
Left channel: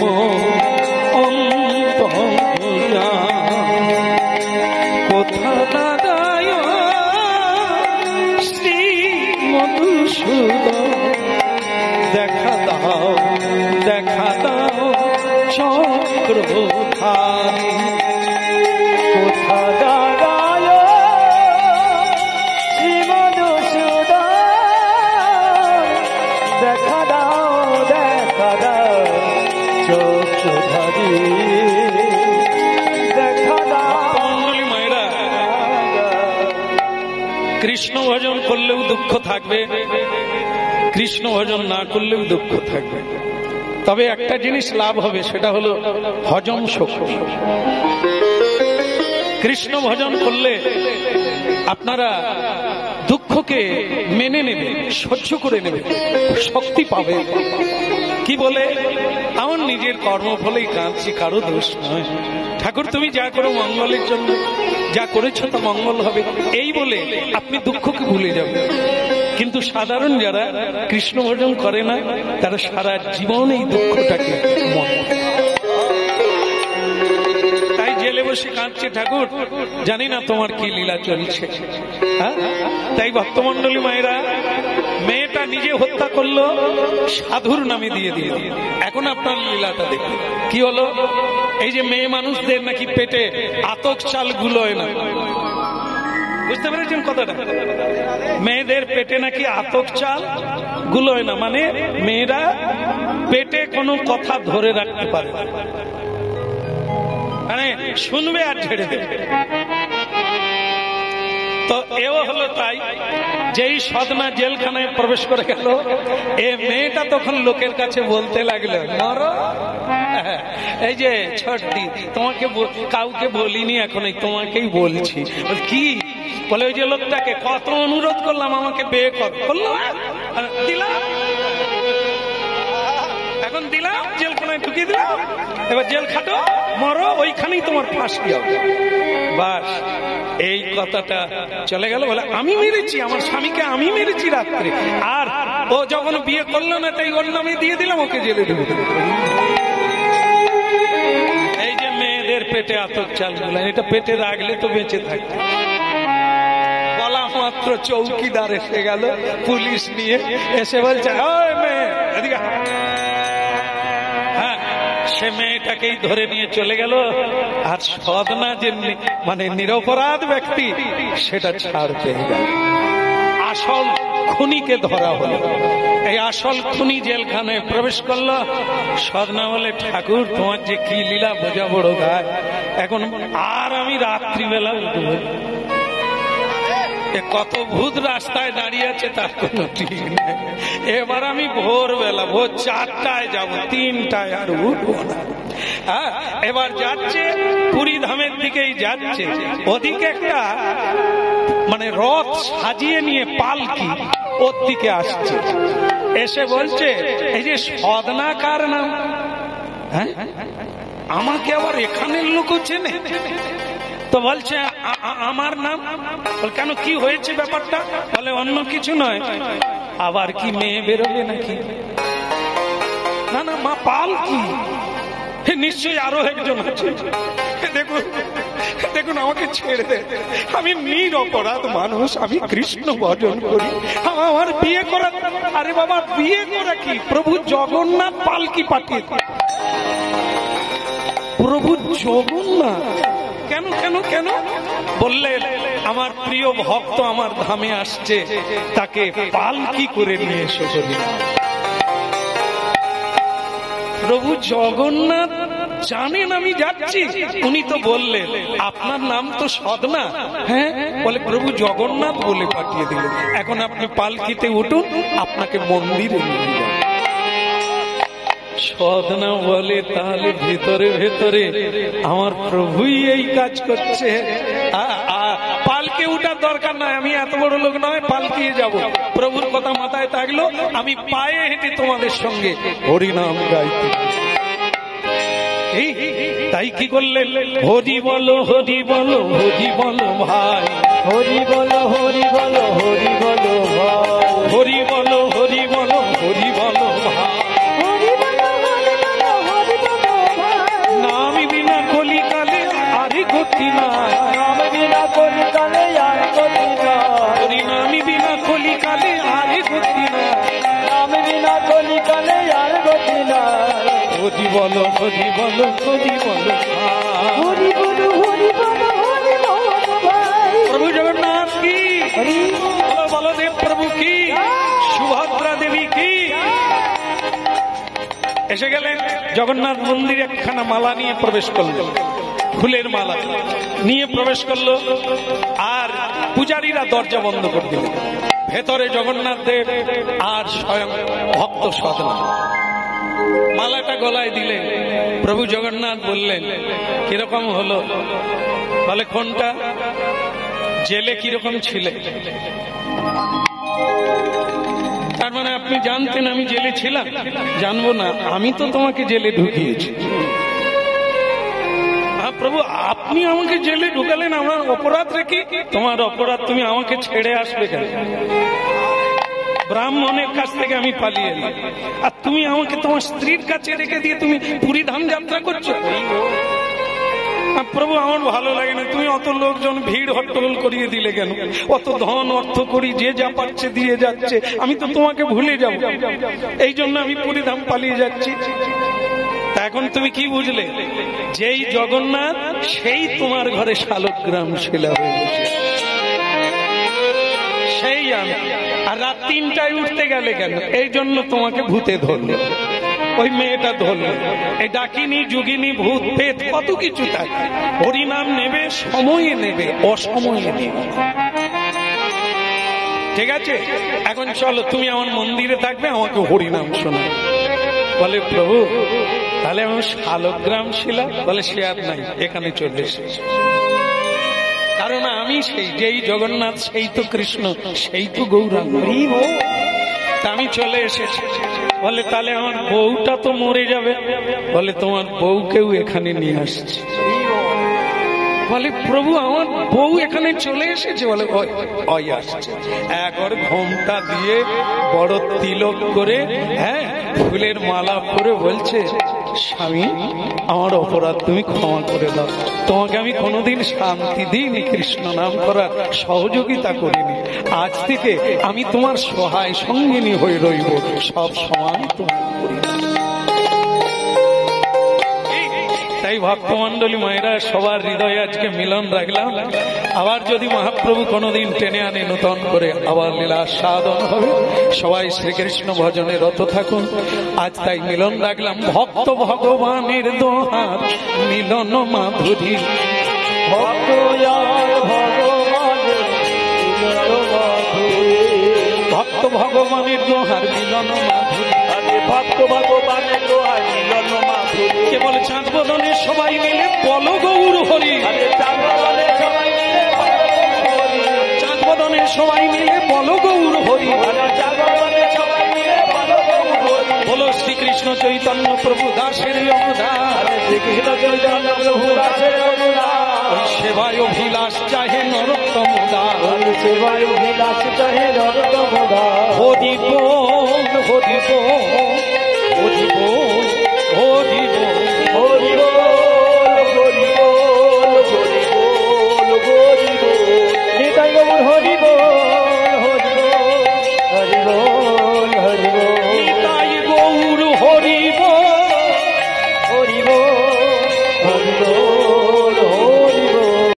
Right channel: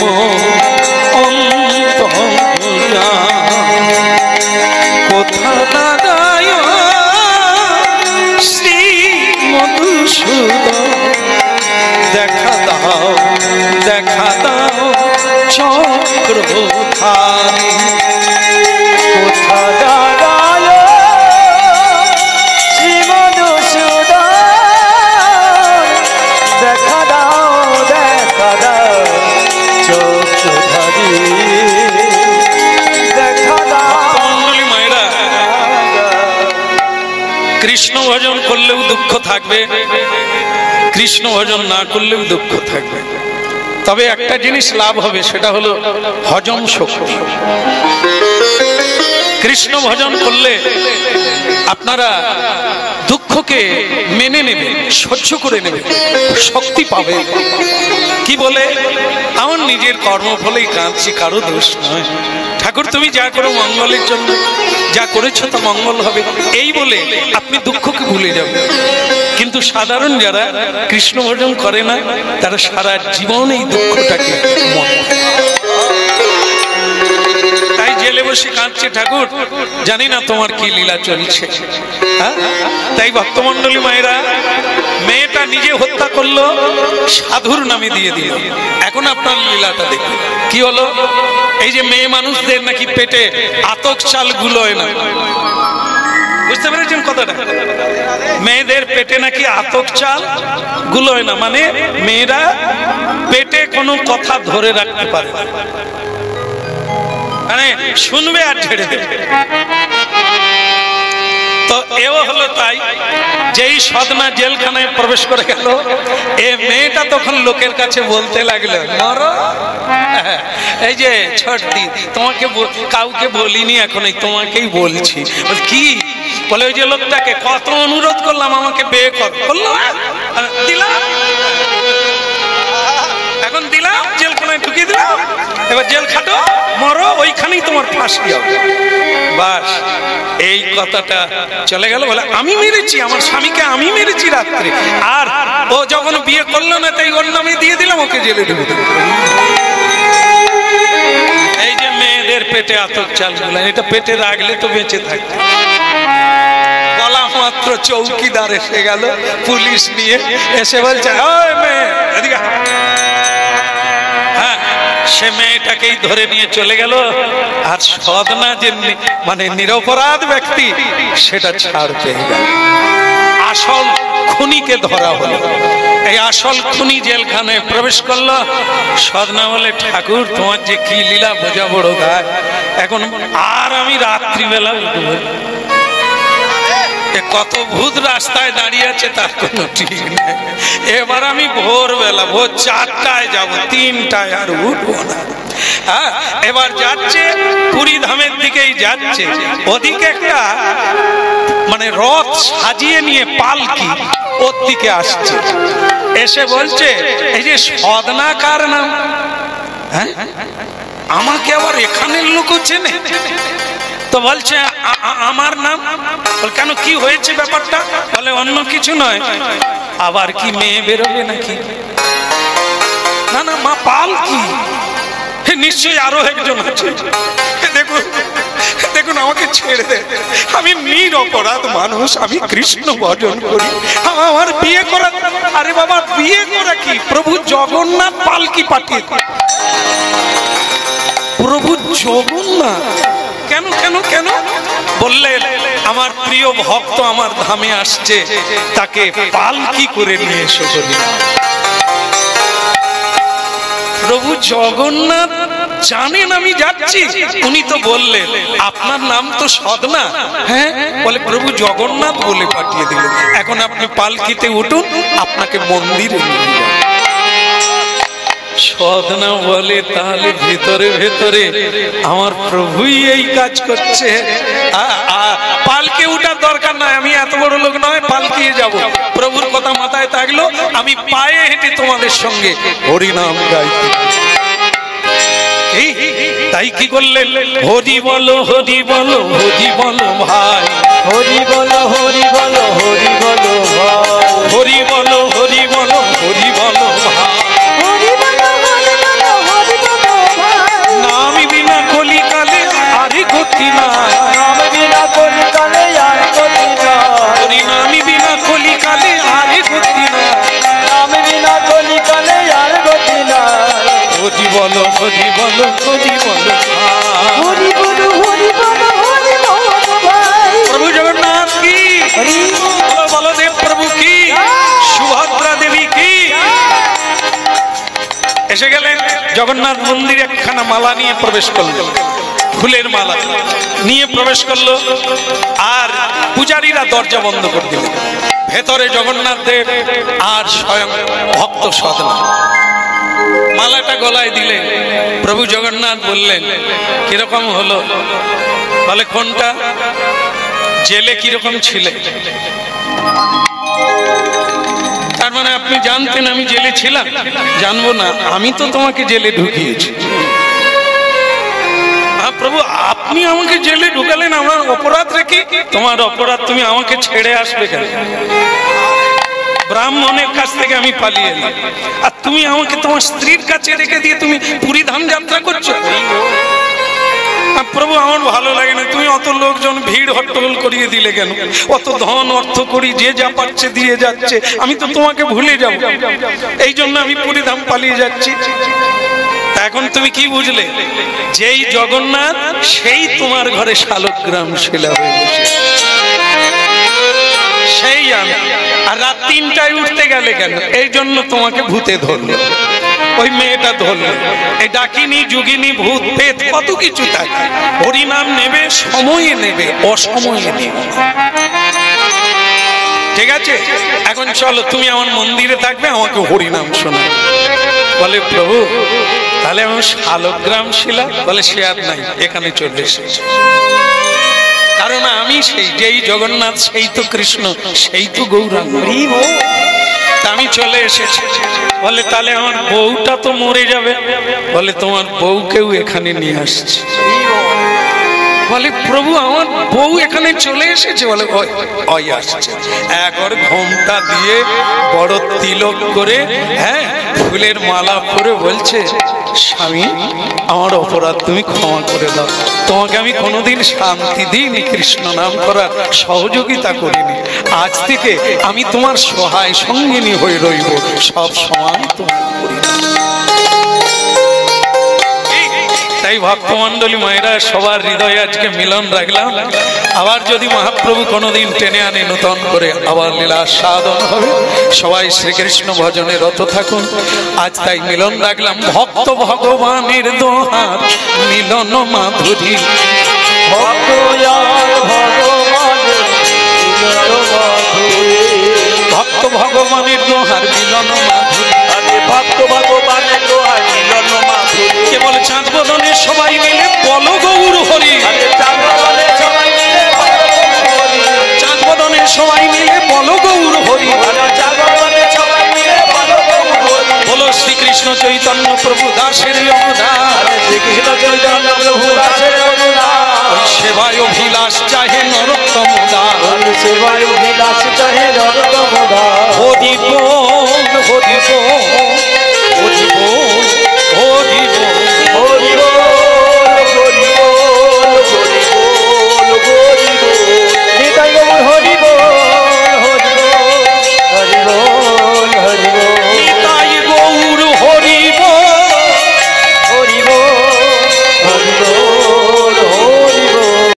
অন্তর্যামী কোথা নারায়ণ শ্রী মধুসূদন দেখা দাও চক্রধারী কোথা নারায়ণ শ্রী মধুসূদন দেখা দাও চক্রধারী দেখা দাও মণ্ডলী মায়েরা, কৃষ্ণ ভজন করলেও দুঃখ থাকবে, কৃষ্ণ ভজন না করলেও দুঃখ থাকবে। তবে একটা জিনিস লাভ হবে, সেটা হলো হজম শক্তি। কৃষ্ণ ভজন করলে আপনারা দুঃখকে মেনে নেবে, সহ্য করে নেবে, শক্তি পাবে। কি বলে, আমার নিজের কর্মফলেই কাঁদছি, কারো দোষ নয়। ঠাকুর তুমি যা করো মঙ্গলের জন্য, যা করেছো তা মঙ্গল হবে, এই বলে আপনি দুঃখকে ভুলে যাবেন। কিন্তু সাধারণ যারা কৃষ্ণ ভজন করে না, তারা সারা জীবন এই দুঃখটাকে মনে করে। তাই জেলে বসে কাঁদছে, ঠাকুর জানি না তোমার কি লীলা চলছে। তাই ভক্তমণ্ডলী মায়েরা, মেয়েটা নিজে হত্যা করলো, সাধুর নামে দিয়ে দিল। এখন আপনার লীলাটা দেখুন কি হলো। এই যে মেয়ে মানুষদের নাকি পেটে আতক চাল গুলোয় না, বুঝতে পেরেছেন কথাটা? মেয়েদের পেটে নাকি আতক চাল গুলোয় না, মানে মেয়েরা পেটে কোনো কথা ধরে রাখতে পারে না, মানে শুনবে আর ছেড়ে দেবে। তো এও হলো তাই, যেই সদনা জেলখানায় প্রবেশ করে গেল, এ মেয়েটা তখন লোকের কাছে বলতে লাগলো, মরো এই যে ছোটদি, তোমাকে কাউকে বলিনি, এখন তোমাকেই বলছি। কি বলে, ওই যে লোকটাকে কত অনুরোধ করলাম আমাকে বিয়ে করলো, দিলাম, এখন দিলাম, জেলখানায় ঢুকিয়ে দিলাম, এবার জেল খাটো, মরো, ওইখানেই তোমার ফাঁসি হবে। বাস এই কথাটা চলে গেল। বলে আমি মেরেছি আমার স্বামীকে, আমি মেরেছি রাত্রে, আর ও যখন বিয়ে করলো না তাই ওর নামে দিয়ে দিলাম, ওকে জেলে ঢুকে দেবো। এই যে মেয়েদের পেটে আতক চাল গুলো, এটা পেটে রাখলে তো বেঁচে থাকবে। বলা মাত্র চৌকিদার এসে গেল, পুলিশ নিয়ে এসে বলছে, ওই মেয়ে এদিকে, হ্যাঁ সে মেয়েটাকেই ধরে নিয়ে চলে গেল। আর সদনা যে মানে নিরপরাধ ব্যক্তি সেটা ছাড় পেয়ে গেল। আসল খুনিকে ধরা হলো। এই আসল খুনি জেলখানায় প্রবেশ করলো। সদনা বলে, ঠাকুর তোমার যে কি লীলা বোঝা বড় গায়, এখন আর আমি রাত্রিবেলা উঠবো। কত ভূত রাস্তায় দাঁড়িয়ে আছে তার কোনো ঠিক নেই। এবার আমি ভোরবেলা, ভোর 4টায় যাব, 3টায় আর উঠবো না। হ্যাঁ, এবার যাচ্ছে পুরী ধামের দিকেই যাচ্ছে। ওদিকে একটা মানে রথ সাজিয়ে নিয়ে পালকি ওর দিকে আসছে। এসে বলছে, এই যে সদনা কার নাম? হ্যাঁ, আমাকে আবার এখানের লোক চেনে। তো বলছে আমার নাম। কেন, কি হয়েছে ব্যাপারটা? বলে অন্য কিছু নয়, আবার কি মেয়ে বেরোবে নাকি? না না মা, পালকি নিশ্চয়ই আরো একজন আছে। দেখুন দেখুন, আমাকে ছেড়ে দে, আমি নিরপরাধ মানুষ, আমি কৃষ্ণ ভজন করি, আমার বিয়ে করা। আরে বাবা, বিয়ে করা কি? প্রভু জগন্নাথ পালকি পাঠিয়ে। প্রভু জগন্নাথ কেন কেন কেন? বললেন, আমার প্রিয় ভক্ত আমার ধামে আসছে, তাকে পালকি করে নিয়ে এসো। প্রভু জগন্নাথ জানেন আমি যাচ্ছি। উনি তো বললেন, আপনার নাম তো সদনা। হ্যাঁ, বলে প্রভু জগন্নাথ বলে পাঠিয়ে দিলেন। এখন আপনি পালকিতে উঠুন, আপনাকে মন্দিরে নিয়ে যান। সদনা বলে, তাহলে ভেতরে ভেতরে আমার প্রভুই এই কাজ করছে। পালকে উঠার দরকার নাই, আমি এত বড় লোক নয় পালকিয়ে যাব। প্রভুর কথা মাথায় থাকলো, আমি পায়ে হেঁটে তোমাদের সঙ্গে হরিনাম গাইতে। তাই কি করলেন? হরি বলো হরি বলো হরি বলো ভাই, হরি বলো হরি বলো হরি বলো ভাই, হরি বলো হরি বলো হরি বলো ভাই। নাম বিনা কলিকালে আরে গতি নাই, নাম বিনা কলিকালে আর গতি নাই, হরি নাম বিনা কলিকালে আরে গতি নাই, নাম বিনা কলিকালে আর গতি নাই। হরি বলো হরি বলো হরি বলো ভাই। হরি বলো হরি বলো হরি বলো ভাই। প্রভু জগন্নাথ কি, হরি বলো বলদেব প্রভু কি, সুভদ্রা দেবী কি। এসে গেলেন জগন্নাথ মন্দিরে, একখানা মালা নিয়ে প্রবেশ করলো, ফুলের মালা নিয়ে প্রবেশ করলো। আর পূজারীরা দরজা বন্ধ করে দিল। ভেতরে জগন্নাথ দেব আর স্বয়ং ভক্ত সদনা। মালাটা গলায় দিলেন। প্রভু জগন্নাথ বললেন, কিরকম হলো? বলে, কোনটা? জেলে কিরকম ছিলে? তার মানে আপনি জানতেন আমি জেলে ছিলাম? জানবো না, আমি তো তোমাকে জেলে ঢুকিয়েছি। প্রভু, আপনি আমাকে জেলে ঢুকালেন আমার অপরাধ রেখে? তোমার অপরাধ, তুমি আমাকে ছেড়ে আসবে কেন? ব্রাহ্মণের কাছ থেকে আমি পালিয়ে এলাম, আর তুমি আমাকে তোমার স্ত্রীর কাছে রেখে দিয়ে তুমি পুরী ধাম যাত্রা করছো? প্রভু, আমার ভালো লাগে না, তুমি অত লোকজন ভিড় হট্টগোল করিয়ে দিলে কেন? অত ধন অর্থ করি, যে যা পাচ্ছে দিয়ে যাচ্ছে, আমি তো তোমাকে ভুলে যাব। এই জন্য আমি পুরী ধাম পালিয়ে যাচ্ছি। এখন তুমি কি বুঝলে? যেই জগন্নাথ, সেই তোমার ঘরে শালগ্রাম শিলা হয়ে বসে, সেই আমি। আর রাত 3টায় উঠতে গেলে কেন? এই জন্য তোমাকে ভূতে ধরলো, ওই মেয়েটা ধরলো। এই ডাকিনি যোগিনী ভূত পেত কত কিছু থাকে। হরিনাম নেবে, সময়ে নেবে, অসময়ে নেবে। ঠিক আছে, এখন চলো, তুমি আমার মন্দিরে থাকবে, আমাকে হরিনাম শোনা। বলে, প্রভু তাহলে আমার শালগ্রাম শিলা? বলে, সে আর নাই, এখানে চলে এসেছে। কারণ আমি সেই, যেই জগন্নাথ সেই তো কৃষ্ণ, সেই তো গৌরাঙ্গ, আমি চলে এসেছি। বলে, তাহলে আমার বউটা তো মরে যাবে। বলে, তোমার বউকেও এখানে নিয়ে আসছে। বলে, প্রভু আমার বউ এখানে চলে এসেছে? বলে, ওই আসছে। একবার ঘোমটা দিয়ে বড় তিলক করে, হ্যাঁ, ফুলের মালা পরে বলছে, স্বামী আমার অপরাধ তুমি ক্ষমা করে দাও। তোমাকে আমি কোনোদিন শান্তি দিইনি, কৃষ্ণ নাম করার সহযোগিতা করিনি। আজ থেকে আমি তোমার সহায় সঙ্গিনী হয়ে রইব, সব সময় তোমার করি। তাই ভক্তমণ্ডলী মায়েরা সবার হৃদয়ে আজকে মিলন রাখলাম। আবার যদি মহাপ্রভু কোনোদিন টেনে আনে নূতন করে আবার লীলা সাধন হবে। সবাই শ্রীকৃষ্ণ ভজনে রত থাকুন। আজ তাই মিলন রাখলাম ভক্ত ভগবানের দোহার মিলন মাধুরী। ভক্ত আর ভগবানের মিলন মাধুরী। ভক্ত ভগবানের দোহার মিলন মাধুরী। আরে ভক্ত ভগবানের দোহার মিলন মাধুরী। কেবল চাঁদ বদনে সবাই মিলে বল গৌর হরি। আরে চাঁদ বদনে সবাই মিলে বল গৌর হরি। চাঁদ বদনে সবাই মিলে বল গৌর হরি। আরে চাঁদ বদনে সবাই মিলে বল গৌর হরি। বলো শ্রীকৃষ্ণ চৈতন্য প্রভু দাসের অবদান। শ্রীকৃষ্ণ চৈতন্য প্রভু দাসের অনুদান। ওই সেবায় অভিলাষ চাহে নরোত্তম দাস। সেবায় অভিলাষ চাহে নরোত্তম দাস। হরি বল হরি বল হরি বল হরি বল হরি বল